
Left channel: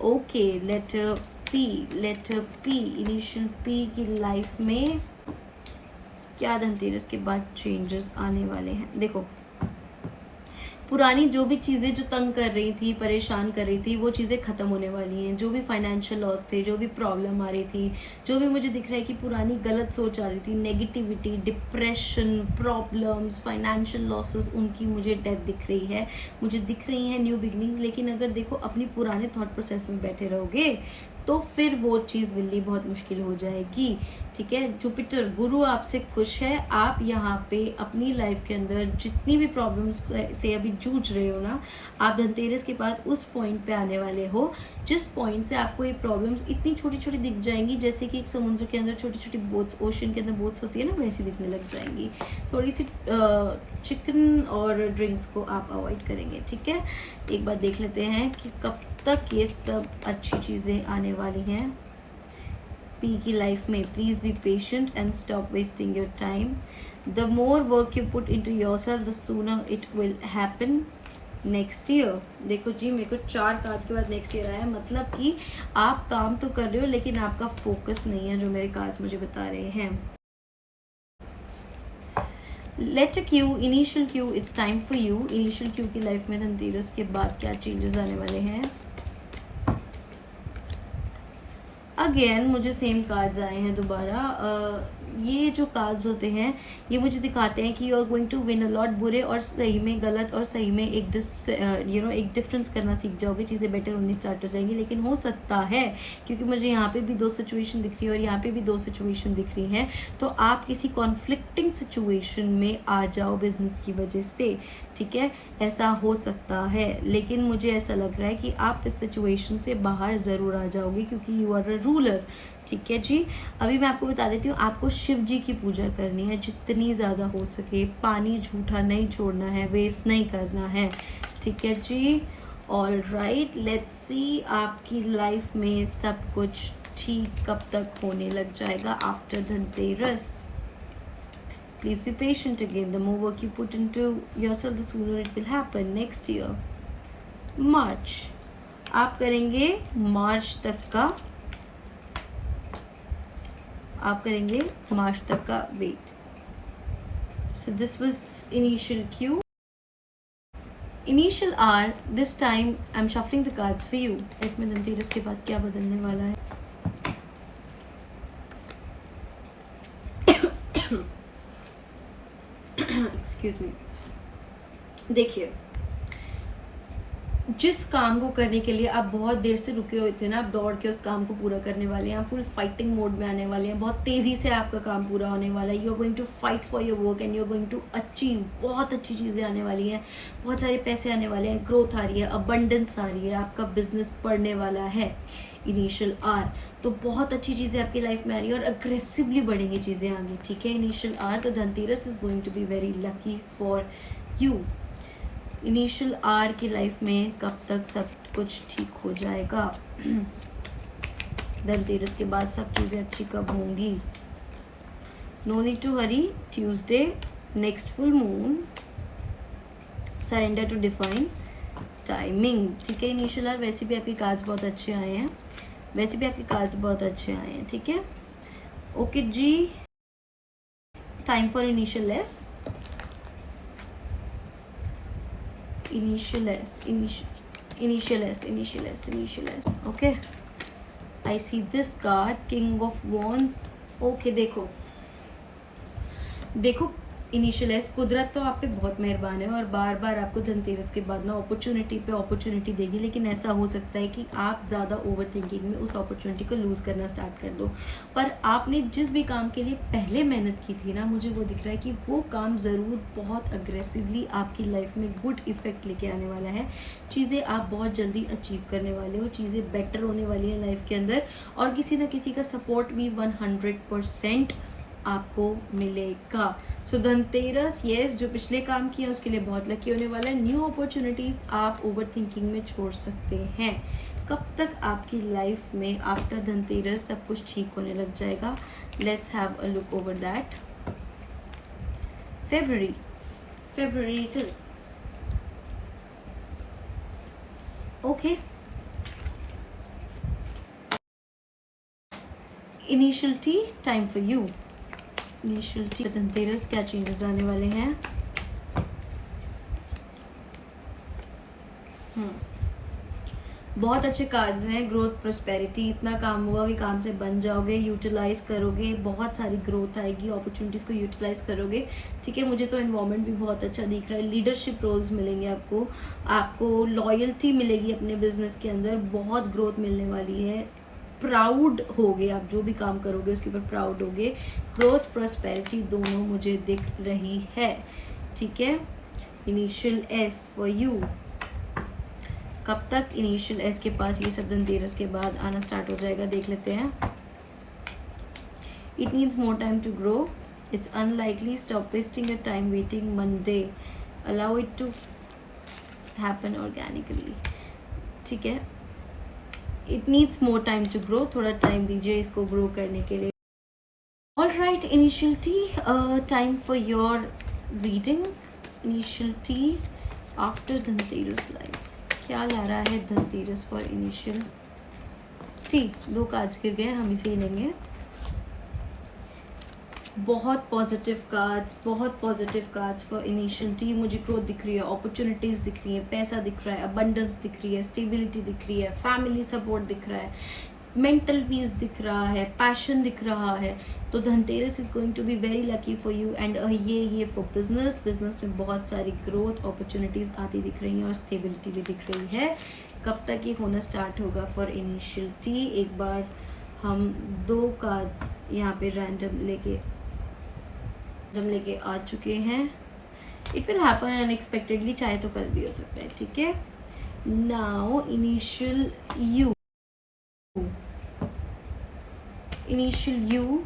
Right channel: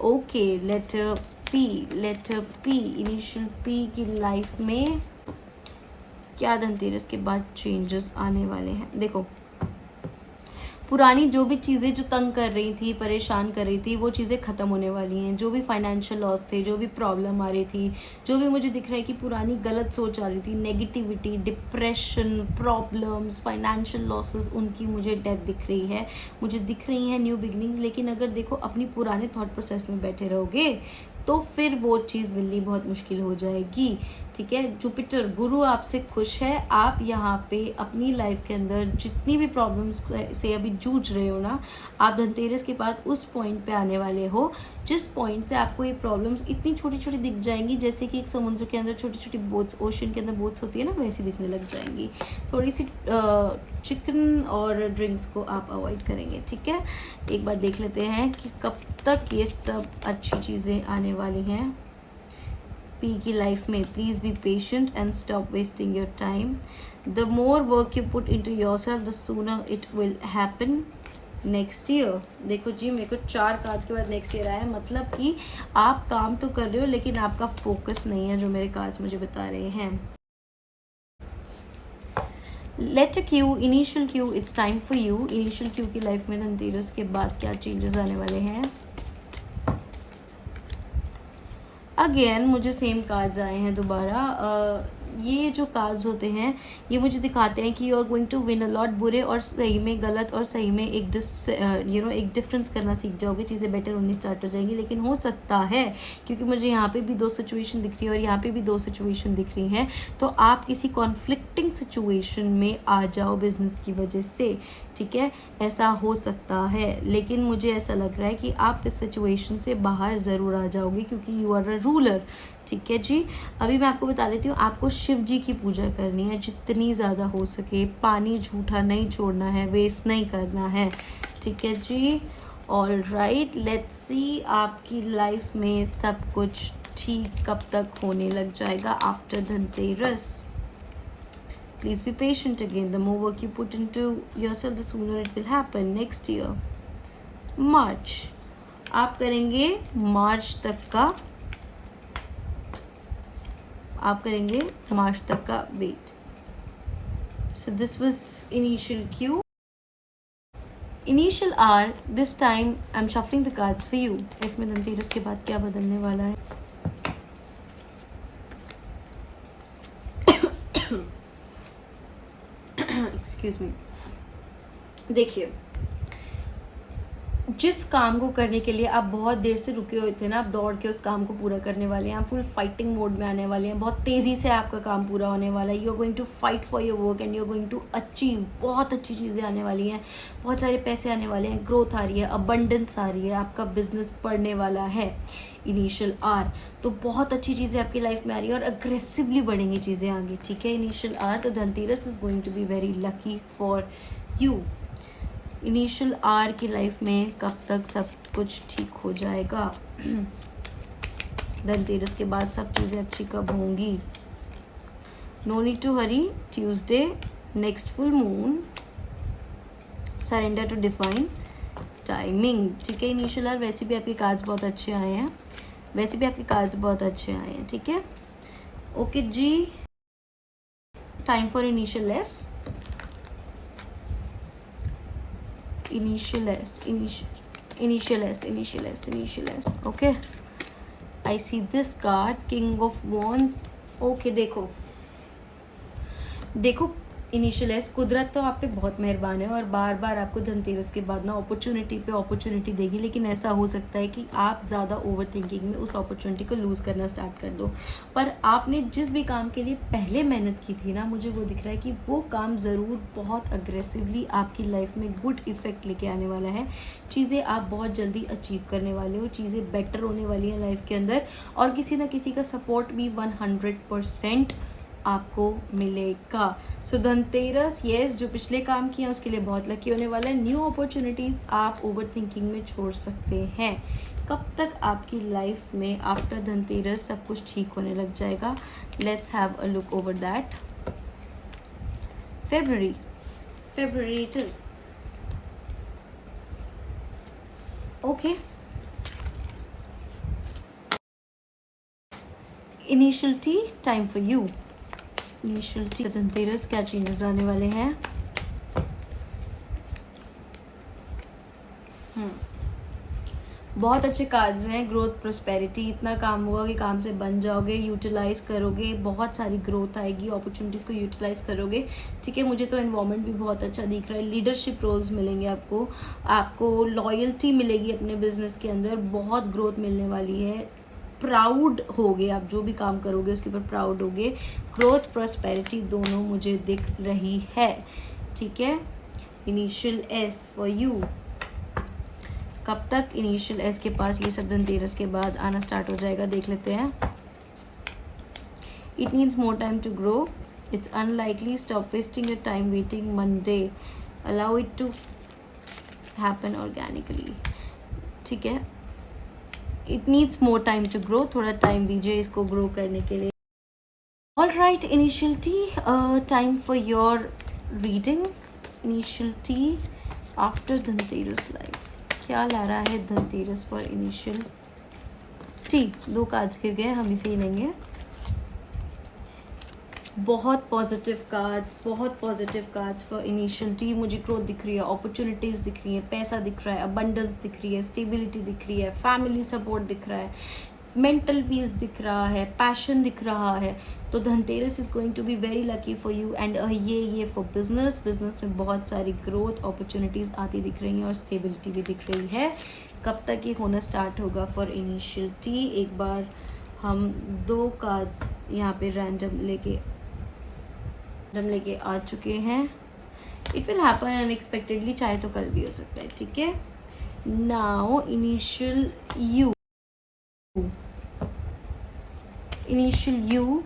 Okay, letter P, initial P की लाइफ में क्या धनतेरस के बाद चेंजेस आने वाले हैं? देखो, पुरानी जो भी चीज़ें जो तंग कर रही थी, परेशान कर रही थी, वो चीज़ें ख़त्म होने वाली हैं। जो भी फाइनेंशियल लॉस थे, जो भी प्रॉब्लम आ रही थी, जो भी मुझे दिख रहा है कि पुरानी गलत सोच आ रही थी, negativity, depression, problems, financial losses, उनकी मुझे डेथ दिख रही है। मुझे दिख रही हैं न्यू बिगनिंग्स। लेकिन अगर देखो अपनी पुराने थॉट प्रोसेस में बैठे रहोगे तो फिर वो चीज़ मिलनी बहुत मुश्किल हो जाएगी, ठीक है। जुपिटर गुरु आपसे खुश है। आप यहाँ पे अपनी लाइफ के अंदर जितनी भी प्रॉब्लम्स से अभी जूझ रहे हो ना, आप धनतेरस के बाद उस पॉइंट पे आने वाले हो जिस पॉइंट से आपको ये प्रॉब्लम्स इतनी छोटी छोटी दिख जाएंगी, जैसे कि एक समुद्र के अंदर छोटी छोटी बोट्स, ओशन के अंदर बोट्स होती है ना, वैसी दिखने लग जाएंगी। थोड़ी सी चिकन और ड्रिंक्स को आप अवॉइड करेंगे, ठीक है। एक बार देख लेते हैं कि कब तक ये सब अच्छी चीज़ें आने वाली हैं पी की लाइफ में। Please be patient and stop wasting your time. The more work you put into yourself the sooner it will happen next year. देखो जी, मेरे को 4 कार्ड्स के बाद नेक्स्ट ईयर आया, मतलब कि आप काम तो कर रहे हो लेकिन आपका फोकस नहीं है, जो मेरे कार्ड्स मुझे बता रहे हैं। Letter Q, initial Q, it's time for you. Initial Q की लाइफ में धनतेरस के बाद क्या चेंजेस आने वाले हैं? अगेन मुझे सेम कार्ड्स आए हैं दोबारा। ये जो कार्ड्स होते हैं ये मुझे दिखाते हैं कि you are going to win a lot. बुरे और सही में, गलत और सही में एक एक डिफरेंस करना सीख जाओगे, चीज़ें बेटर होनी स्टार्ट हो जाएंगी। लेकिन हो सकता है, क्योंकि मुझे यहाँ पे भी 2 सिचुएशन दिख रही है और यहाँ पे भी 2 सिचुएशन दिख रही हैं, तो आप किसी कॉन्फ्लिक्टिंग सिचुएशन में आ जाओ बिजनेस की वजह से, ठीक है। ऐसा हो सकता है, लेकिन मुझे ऐसा लग रहा है कि आप इस सिचुएशन से बाहर ज़रूर आ जाओगे, क्योंकि यू आर अ रूलर, ठीक है जी। अभी मैं आपको बता देती हूँ, आपको शिव जी की पूजा करनी है जितनी ज़्यादा हो सके। पानी झूठा नहीं छोड़ना है, वेस्ट नहीं करना है, ठीक है जी। ऑल राइट, लेट्स सी आपकी लाइफ में सब कुछ ठीक कब तक होने लग जाएगा after Dhanteras. Please be patient again. The more work you put into yourself, the sooner it will happen. Next year, March. आप करेंगे मार्च तक का wait. So this was initial Q. Initial R. This time I'm shuffling the cards for you. Life में धनतेरस के बाद क्या बदलने वाला है? Excuse me. देखिए, जिस काम को करने के लिए आप बहुत देर से रुके हुए थे ना, आप दौड़ के उस काम को पूरा करने वाले हैं। आप फुल फाइटिंग मोड में आने वाले हैं, बहुत तेज़ी से आपका काम पूरा होने वाला है। You are going to fight for your work and you are going to achieve. बहुत अच्छी चीज़ें आने वाली हैं, बहुत सारे पैसे आने वाले हैं, ग्रोथ आ रही है, अबंडेंस आ रही है, आपका बिजनेस बढ़ने वाला है। इनिशियल आर, तो बहुत अच्छी चीज़ें आपकी लाइफ में आ रही है और अग्रेसिवली बढ़ेंगी चीज़ें आगे, ठीक है। इनिशियल आर, तो Dhanteras is going to be very lucky for you. Initial R की लाइफ में कब तक सब कुछ ठीक हो जाएगा? धनतेरस के बाद सब चीज़ें अच्छी कब होंगी? No need to hurry, Tuesday, next full moon, surrender to define timing. ठीक है इनिशियल आर, वैसे भी आपके कार्ड्स बहुत अच्छे आए हैं, वैसे भी आपके कार्ड्स बहुत अच्छे आए हैं। ठीक है, ओके जी, time for initial S, initial S, initial S, initial S, initial S. Okay, I see this card, king of wands. Okay, देखो देखो इनिशियल एस, कुदरत तो आप पे बहुत मेहरबान है और बार बार आपको धनतेरस के बाद ना अपॉर्चुनिटी पे अपॉर्चुनिटी देगी, लेकिन ऐसा हो सकता है कि आप ज़्यादा ओवर थिंकिंग में उस अपॉर्चुनिटी को लूज़ करना स्टार्ट कर दो। पर आपने जिस भी काम के लिए पहले मेहनत की थी ना, मुझे वो दिख रहा है कि वो काम ज़रूर बहुत अग्रेसिवली आपकी लाइफ में गुड इफेक्ट लेके आने वाला है। चीज़ें आप बहुत जल्दी अचीव करने वाले हो, चीज़ें बेटर होने वाली हैं लाइफ के अंदर, और किसी ना किसी का सपोर्ट भी 100% आपको मिलेगा। सो धनतेरस, यस, जो पिछले काम किया उसके लिए बहुत लकी होने वाला है। न्यू अपॉर्चुनिटीज़ आप ओवर थिंकिंग में छोड़ सकते हैं। कब तक आपकी लाइफ में आफ्टर धनतेरस सब कुछ ठीक होने लग जाएगा? Let's have a look over that. February it is. Okay. Initial T, time for you. Initial T, Dhanteras क्या चेंजेस आने वाले हैं? बहुत अच्छे कार्ड्स हैं, ग्रोथ, प्रोस्पेरिटी, इतना काम होगा कि काम से बन जाओगे, यूटिलाइज करोगे, बहुत सारी ग्रोथ आएगी, अपॉर्चुनिटीज़ को यूटिलाइज करोगे। ठीक है, मुझे तो एनवायरनमेंट भी बहुत अच्छा दिख रहा है, लीडरशिप रोल्स मिलेंगे आपको, आपको लॉयल्टी मिलेगी अपने बिजनेस के अंदर, बहुत ग्रोथ मिलने वाली है, प्राउड होगे आप, जो भी काम करोगे उसके ऊपर प्राउड होगे। ग्रोथ, प्रोस्पेरिटी दोनों मुझे दिख रही है। ठीक है, इनिशियल एस फॉर यू, कब तक इनिशियल एस के पास ये सब धनतेरस के बाद आना स्टार्ट हो जाएगा, देख लेते हैं। It needs more time to grow, it's unlikely, stop wasting your time waiting Monday, allow it to happen organically. ठीक है, it needs more time to grow, थोड़ा टाइम दीजिए इसको ग्रो करने के लिए। All right, initial T, time for your reading. Initial T after Dhanteras life, क्या ला रहा है Dhanteras for initial T? 2 cards गिर गए, हम इसे ही लेंगे। बहुत पॉजिटिव कार्ड्स, बहुत positive cards for initial T. मुझे ग्रोथ दिख रही है, अपॉर्चुनिटीज़ दिख रही है, पैसा दिख रहा है, अबंडेंस दिख रही है, स्टेबिलिटी दिख रही है, फैमिली सपोर्ट दिख रहा है, मेंटल पीस दिख रहा है, पैशन दिख रहा है। तो Dhanteras is going to be very lucky for you. And ये फॉर बिजनेस में बहुत सारी ग्रोथ अपॉर्चुनिटीज़ आती दिख रही हैं और स्टेबिलिटी भी दिख रही है। कब तक ये होना स्टार्ट होगा फॉर इनिशियल टी? एक बार हम 2 कार्ड्स यहाँ पे रैंडम लेके आ चुके हैं। इट विल हैपन अनएक्सपेक्टेडली, चाहे तो कल भी हो सकता है। ठीक है, now initial you, initial you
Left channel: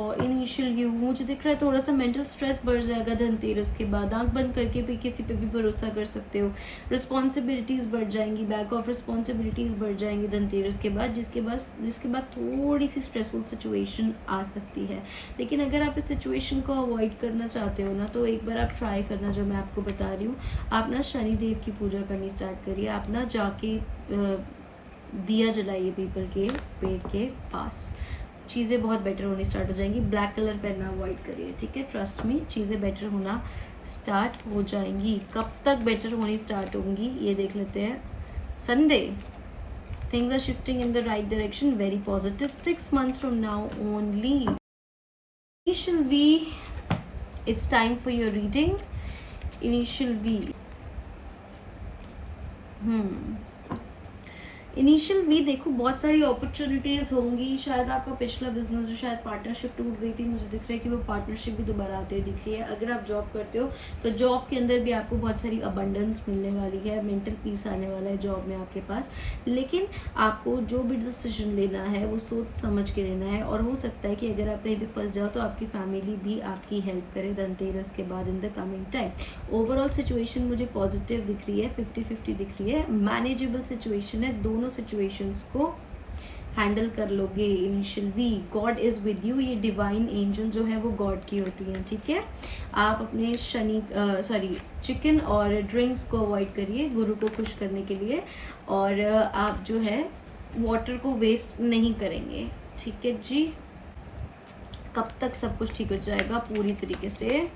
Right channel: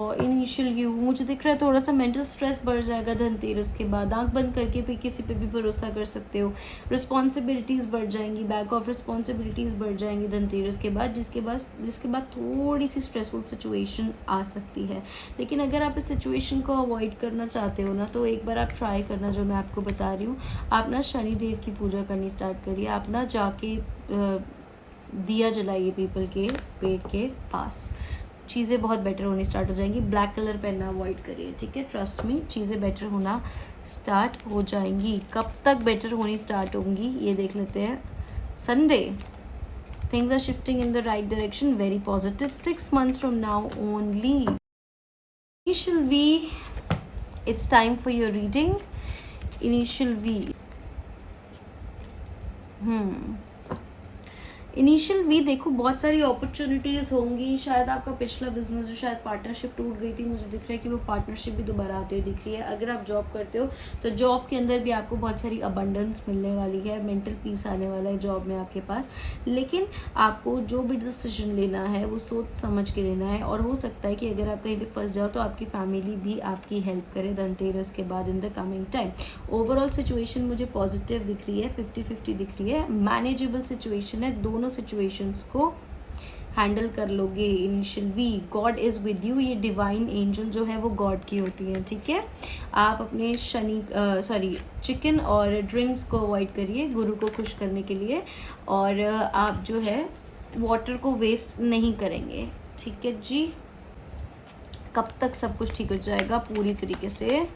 और इनिशियल यू, मुझे दिख रहा है थोड़ा सा मेंटल स्ट्रेस बढ़ जाएगा धनतेरस के बाद। आंख बंद करके भी किसी पे भी भरोसा कर सकते हो, रिस्पॉन्सिबिलिटीज़ बढ़ जाएंगी, बैक ऑफ रिस्पॉन्सिबिलिटीज़ बढ़ जाएंगी धनतेरस के बाद, जिसके बाद थोड़ी सी स्ट्रेसफुल सिचुएशन आ सकती है। लेकिन अगर आप इस सिचुएशन को अवॉइड करना चाहते हो ना, तो एक बार आप ट्राई करना, जो मैं आपको बता रही हूँ। आप ना शनिदेव की पूजा करनी स्टार्ट करिए, आप ना जाके दिया जलाइए पीपल के पेड़ के पास, चीज़ें बहुत बेटर होनी स्टार्ट हो जाएंगी। ब्लैक कलर पहनना अवॉइड करिए। ठीक है, ट्रस्ट में चीज़ें बेटर होना स्टार्ट हो जाएंगी। कब तक बेटर होनी स्टार्ट होंगी ये देख लेते हैं। Sunday, things are shifting in the right direction, very positive. 6 months from now only. Initial V, it's time for your reading. Initial V. Initial V, देखो बहुत सारी अपॉर्चुनिटीज़ होंगी। शायद आपका पिछला बिजनेस जो शायद पार्टनरशिप टूट गई थी, मुझे दिख रहा है कि वो पार्टनरशिप भी दोबारा आते हुए दिख रही है। अगर आप जॉब करते हो तो जॉब के अंदर भी आपको बहुत सारी अबंडेंस मिलने वाली है, मेंटल पीस आने वाला है जॉब में आपके पास। लेकिन आपको जो भी डिसीजन लेना है वो सोच समझ के लेना है, और हो सकता है कि अगर आप कहीं भी फंस जाओ तो आपकी फैमिली भी आपकी हेल्प करे धनतेरस के बाद इन the coming time. Overall situation मुझे पॉजिटिव दिख रही है, 50-50 दिख रही है, मैनेजेबल सिचुएशन है। दोनों सिचुएशंस को हैंडल कर लोगे। Initial V, god is with you, ये डिवाइन एंजल जो है वो गॉड की होती है, ठीक है। आप अपने चिकन और ड्रिंक्स को अवॉइड करिए गुरु को खुश करने के लिए, और आप जो है वाटर को वेस्ट नहीं करेंगे, ठीक है जी। कब तक सब कुछ ठीक हो जाएगा पूरी तरीके से?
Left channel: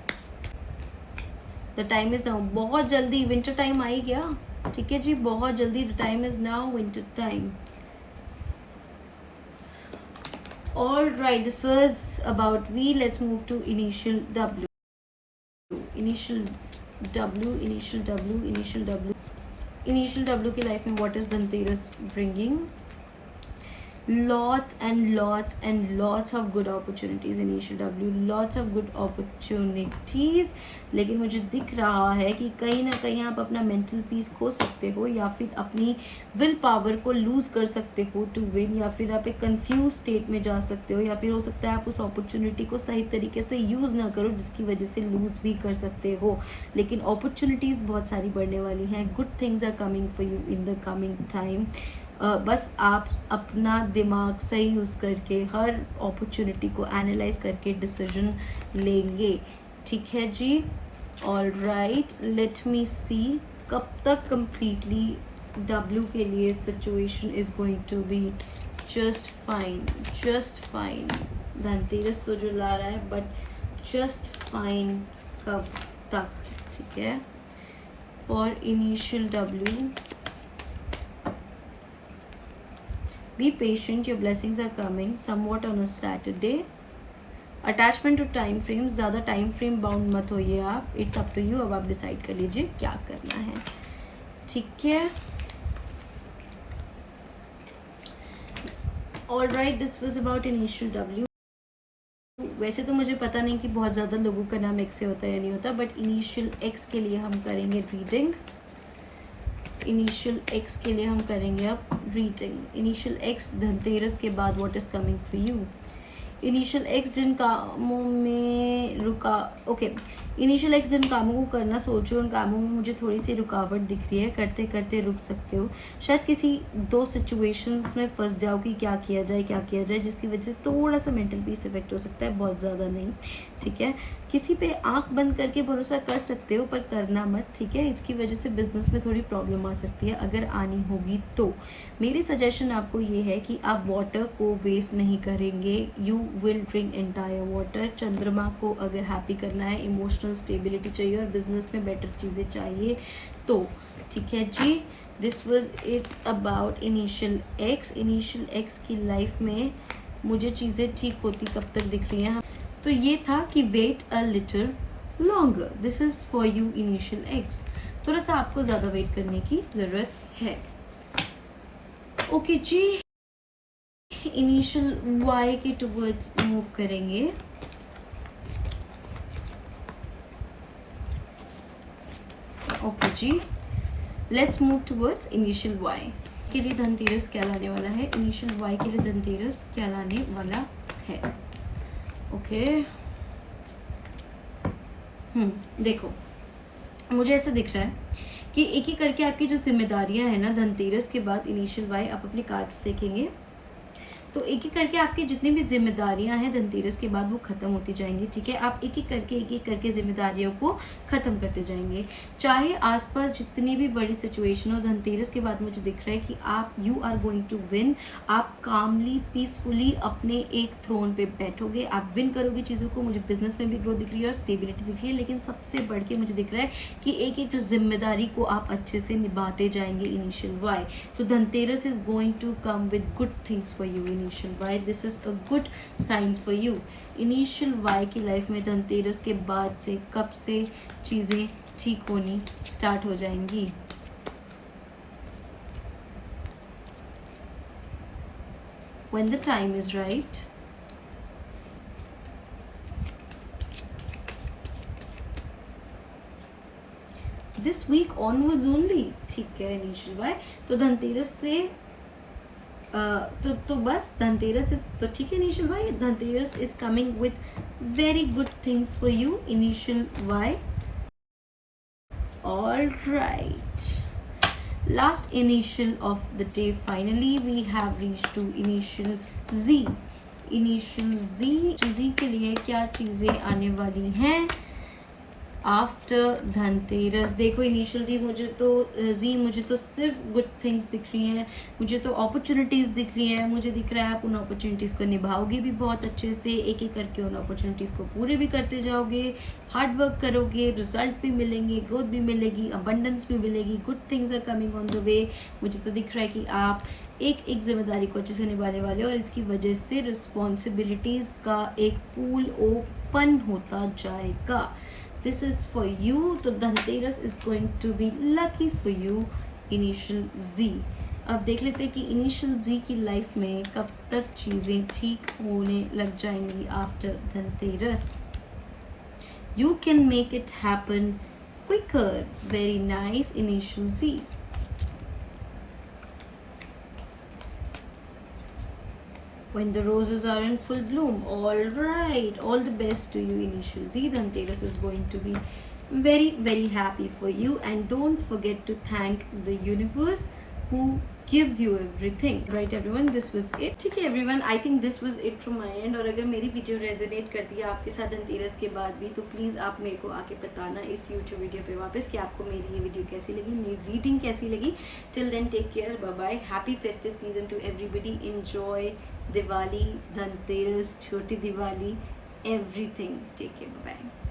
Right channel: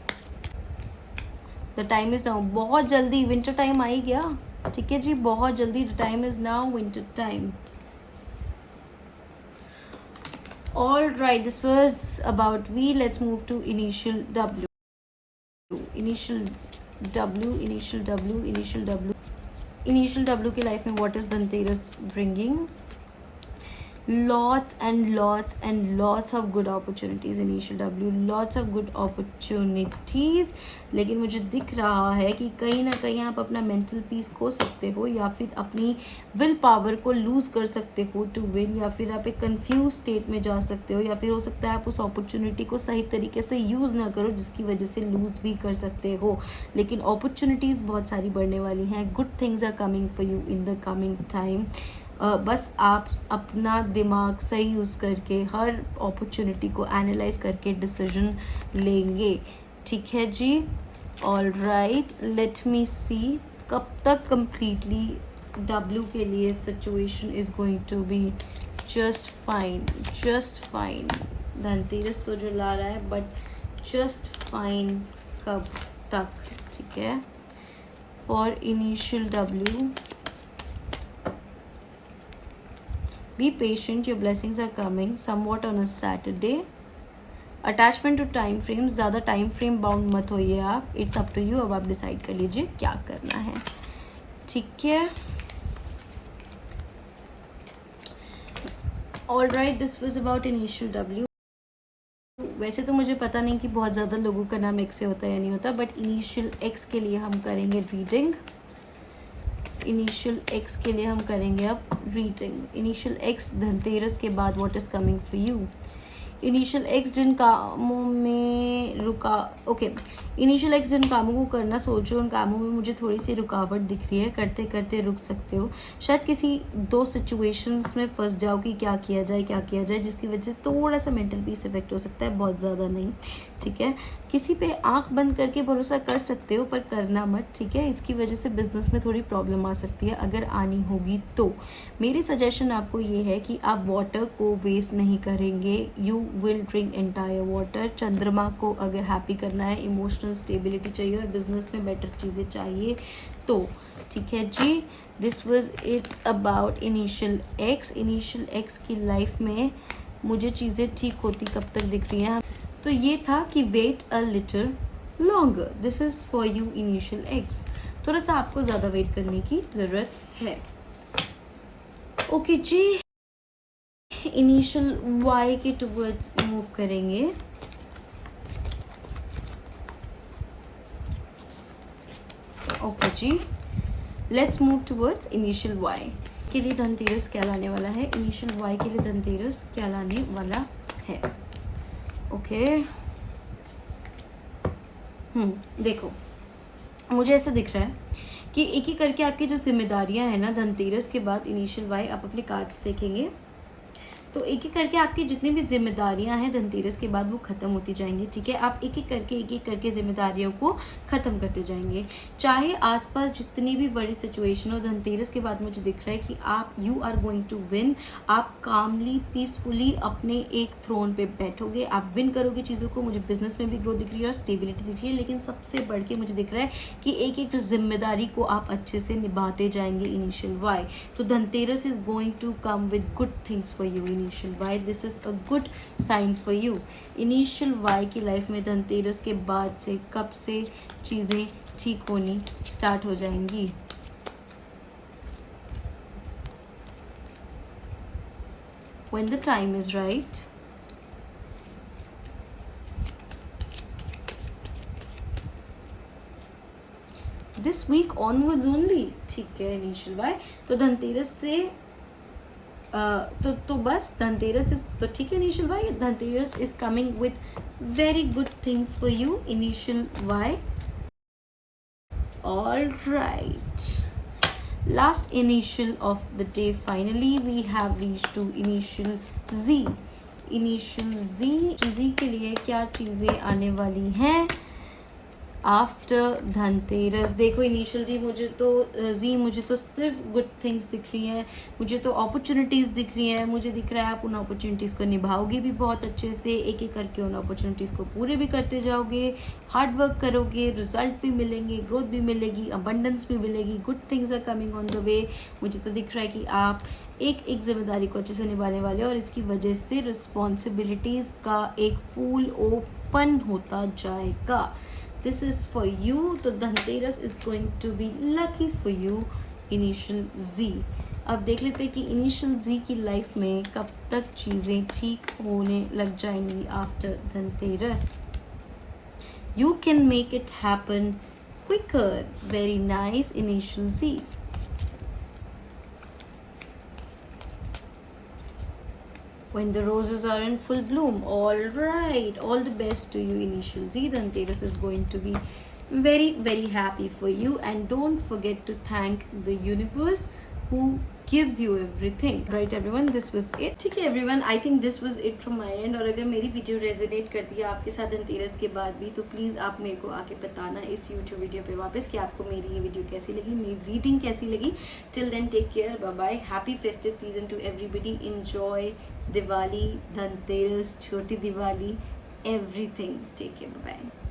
द टाइम इज नाउ, बहुत जल्दी विंटर टाइम आ ही गया, ठीक है जी, बहुत जल्दी। The time is now winter time. All right, this was about V. Let's move to initial W. Initial W, initial W, initial W, initial W की life में what is Dhanteras bringing? lots and lots of good opportunities initial W, lots of good opportunities। लेकिन मुझे दिख रहा है कि कहीं ना कहीं आप अपना मेंटल पीस खो सकते हो, या फिर अपनी विल पावर को लूज कर सकते हो टू विन, या फिर आप एक कंफ्यूज स्टेट में जा सकते हो, या फिर हो सकता है आप उस अपॉर्चुनिटी को सही तरीके से यूज़ ना करो जिसकी वजह से लूज भी कर सकते हो। लेकिन अपॉर्चुनिटीज़ बहुत सारी बढ़ने वाली हैं। Good things are coming for you in the coming time. बस आप अपना दिमाग सही यूज़ करके हर अपॉर्चुनिटी को एनालाइज करके डिसीजन लेंगे, ठीक है जी। All right, let me see कब तक कंप्लीटली डब्ल्यू के लिए situation is going to be just fine, just fine. Dhanteras तो जो ला रहा है, बट जस्ट फाइन कब तक, ठीक है। For initial W, be patient, your blessings are coming somewhat on a Saturday। Attachment to time frame, ज़्यादा टाइम फ्रेम बाउंड मत होइए आप, इट्स अप टू यू। अब आप डिसाइड कर लीजिए क्या करना है, ठीक है। All right, this was about initial W. वैसे तो मुझे पता नहीं कि बहुत ज़्यादा लोगों का नाम एक्स से होता है या नहीं होता, बट इनिशियल एक्स के लिए हम करेंगे रीडिंग। इनिशियल एक्स के लिए हम करेंगे अब रीडिंग। इनिशियल एक्स, धनतेरस के बाद what is coming for you? Initial X जिन कामों में इनिशियल एक्स जिन कामों को करना सोचो, उन कामों में मुझे थोड़ी सी रुकावट दिख रही है, करते करते रुक सकते हो। शायद किसी दो सिचुएशंस में फंस जाओ कि क्या किया जाए, जिसकी वजह से थोड़ा सा मेंटल पीस इफेक्ट हो सकता है, बहुत ज़्यादा नहीं, ठीक है। किसी पे आंख बंद करके भरोसा कर सकते हो, पर करना मत, ठीक है। इसकी वजह से बिजनेस में थोड़ी प्रॉब्लम आ सकती है, अगर आनी होगी तो। मेरी सजेशन आपको ये है कि आप वाटर को वेस्ट नहीं करेंगे, you will drink entire water. चंद्रमा को अगर हैप्पी करना है, इमोशनल स्टेबिलिटी चाहिए और बिजनेस में बेटर चीज़ें चाहिए तो, ठीक है जी। This was it about initial X. Initial X की लाइफ में मुझे चीज़ें ठीक होती कब तक दिख रही हैं, तो ये था कि wait a little longer. This is for you initial X, थोड़ा सा आपको ज़्यादा वेट करने की ज़रूरत है, ओके जी। इनिशियल वाई के टुवर्ड्स मूव करेंगे। ओके जी, let's move towards initial Y के लिए धनतेरस क्या लाने वाला है। इनिशियल वाई के लिए धनतेरस क्या लाने वाला है, ओके। देखो, मुझे ऐसा दिख रहा है कि एक एक करके आपकी जो जिम्मेदारियां हैं ना, धनतेरस के बाद इनिशियल वाई, आप अपने कार्ड्स देखेंगे तो एक एक करके आपकी जितनी भी जिम्मेदारियां हैं धनतेरस के बाद वो ख़त्म होती जाएंगी, ठीक है। आप एक एक करके जिम्मेदारियों को ख़त्म करते जाएंगे, चाहे आसपास जितनी भी बड़ी सिचुएशन हो। धनतेरस के बाद मुझे दिख रहा है कि आप you are going to win. आप कामली पीसफुली अपने एक थ्रोन पे बैठोगे, आप विन करोगे चीज़ों को। मुझे बिजनेस में भी ग्रोथ दिख रही है और स्टेबिलिटी दिख रही है, लेकिन सबसे बढ़ के मुझे दिख रहा है कि एक एक जिम्मेदारी को आप अच्छे से निभाते जाएंगे इनिशियल वाई। तो Dhanteras is going to come with good things for you initial Y. This is a good sign for you. Initial Y की लाइफ में धनतेरस के बाद से कब से चीज़ें ठीक होनी स्टार्ट हो जाएंगी? When the time is right, this week onwards only, ठीक है इनिशियल वाई। तो धनतेरस से तो बस धनतेरस इज तो ठीक है initial Y. Dhanteras is coming with very good things for you initial Y. All right, Last initial of the day, finally we have reached to initial Z. Initial Z के लिए क्या चीज़ें आने वाली हैं आफ्टर धनतेरस? देखो इनिशियली मुझे तो सिर्फ गुड थिंग्स दिख रही हैं, मुझे तो अपॉर्चुनिटीज़ दिख रही हैं, मुझे दिख रहा है आप उन अपॉर्चुनिटीज़ को निभाओगे भी बहुत अच्छे से, एक एक करके उन अपॉर्चुनिटीज़ को पूरे भी करते जाओगे, हार्ड वर्क करोगे, रिजल्ट भी मिलेंगे, ग्रोथ भी मिलेगी, अबंडेंस भी मिलेगी, good things are coming on the way. मुझे तो दिख रहा है कि आप एक एक जिम्मेदारी को अच्छे से निभाने वाले हो और इसकी वजह से रिस्पॉन्सिबिलिटीज़ का एक पूल ओपन होता जाएगा। This is for you. तो Dhanteras is going to be lucky for you. Initial Z. अब देख लेते हैं कि इनिशियल Z की लाइफ में कब तक चीज़ें ठीक होने लग जाएंगी after Dhanteras. You can make it happen quicker. Very nice, initial Z. When the roses are in full bloom. All right, all the best to you, initial Z. Dhanteras is going to be very, very happy for you, and don't forget to thank the universe who gives you everything. Right everyone, this was it. ठीक है everyone, I think this was it from my end. और अगर मेरी video resonate करती है आपके साथ धनतेरस के बाद भी, तो प्लीज़ आप मेरे को आके बताना इस यूट्यूब वीडियो पे वापस कि आपको मेरी ये वीडियो कैसी लगी, मेरी रीडिंग कैसी लगी। Till then take care, bye bye, happy festive season to everybody, enjoy Diwali, Dhanteras, छोटी Diwali, everything. Take care, bye bye.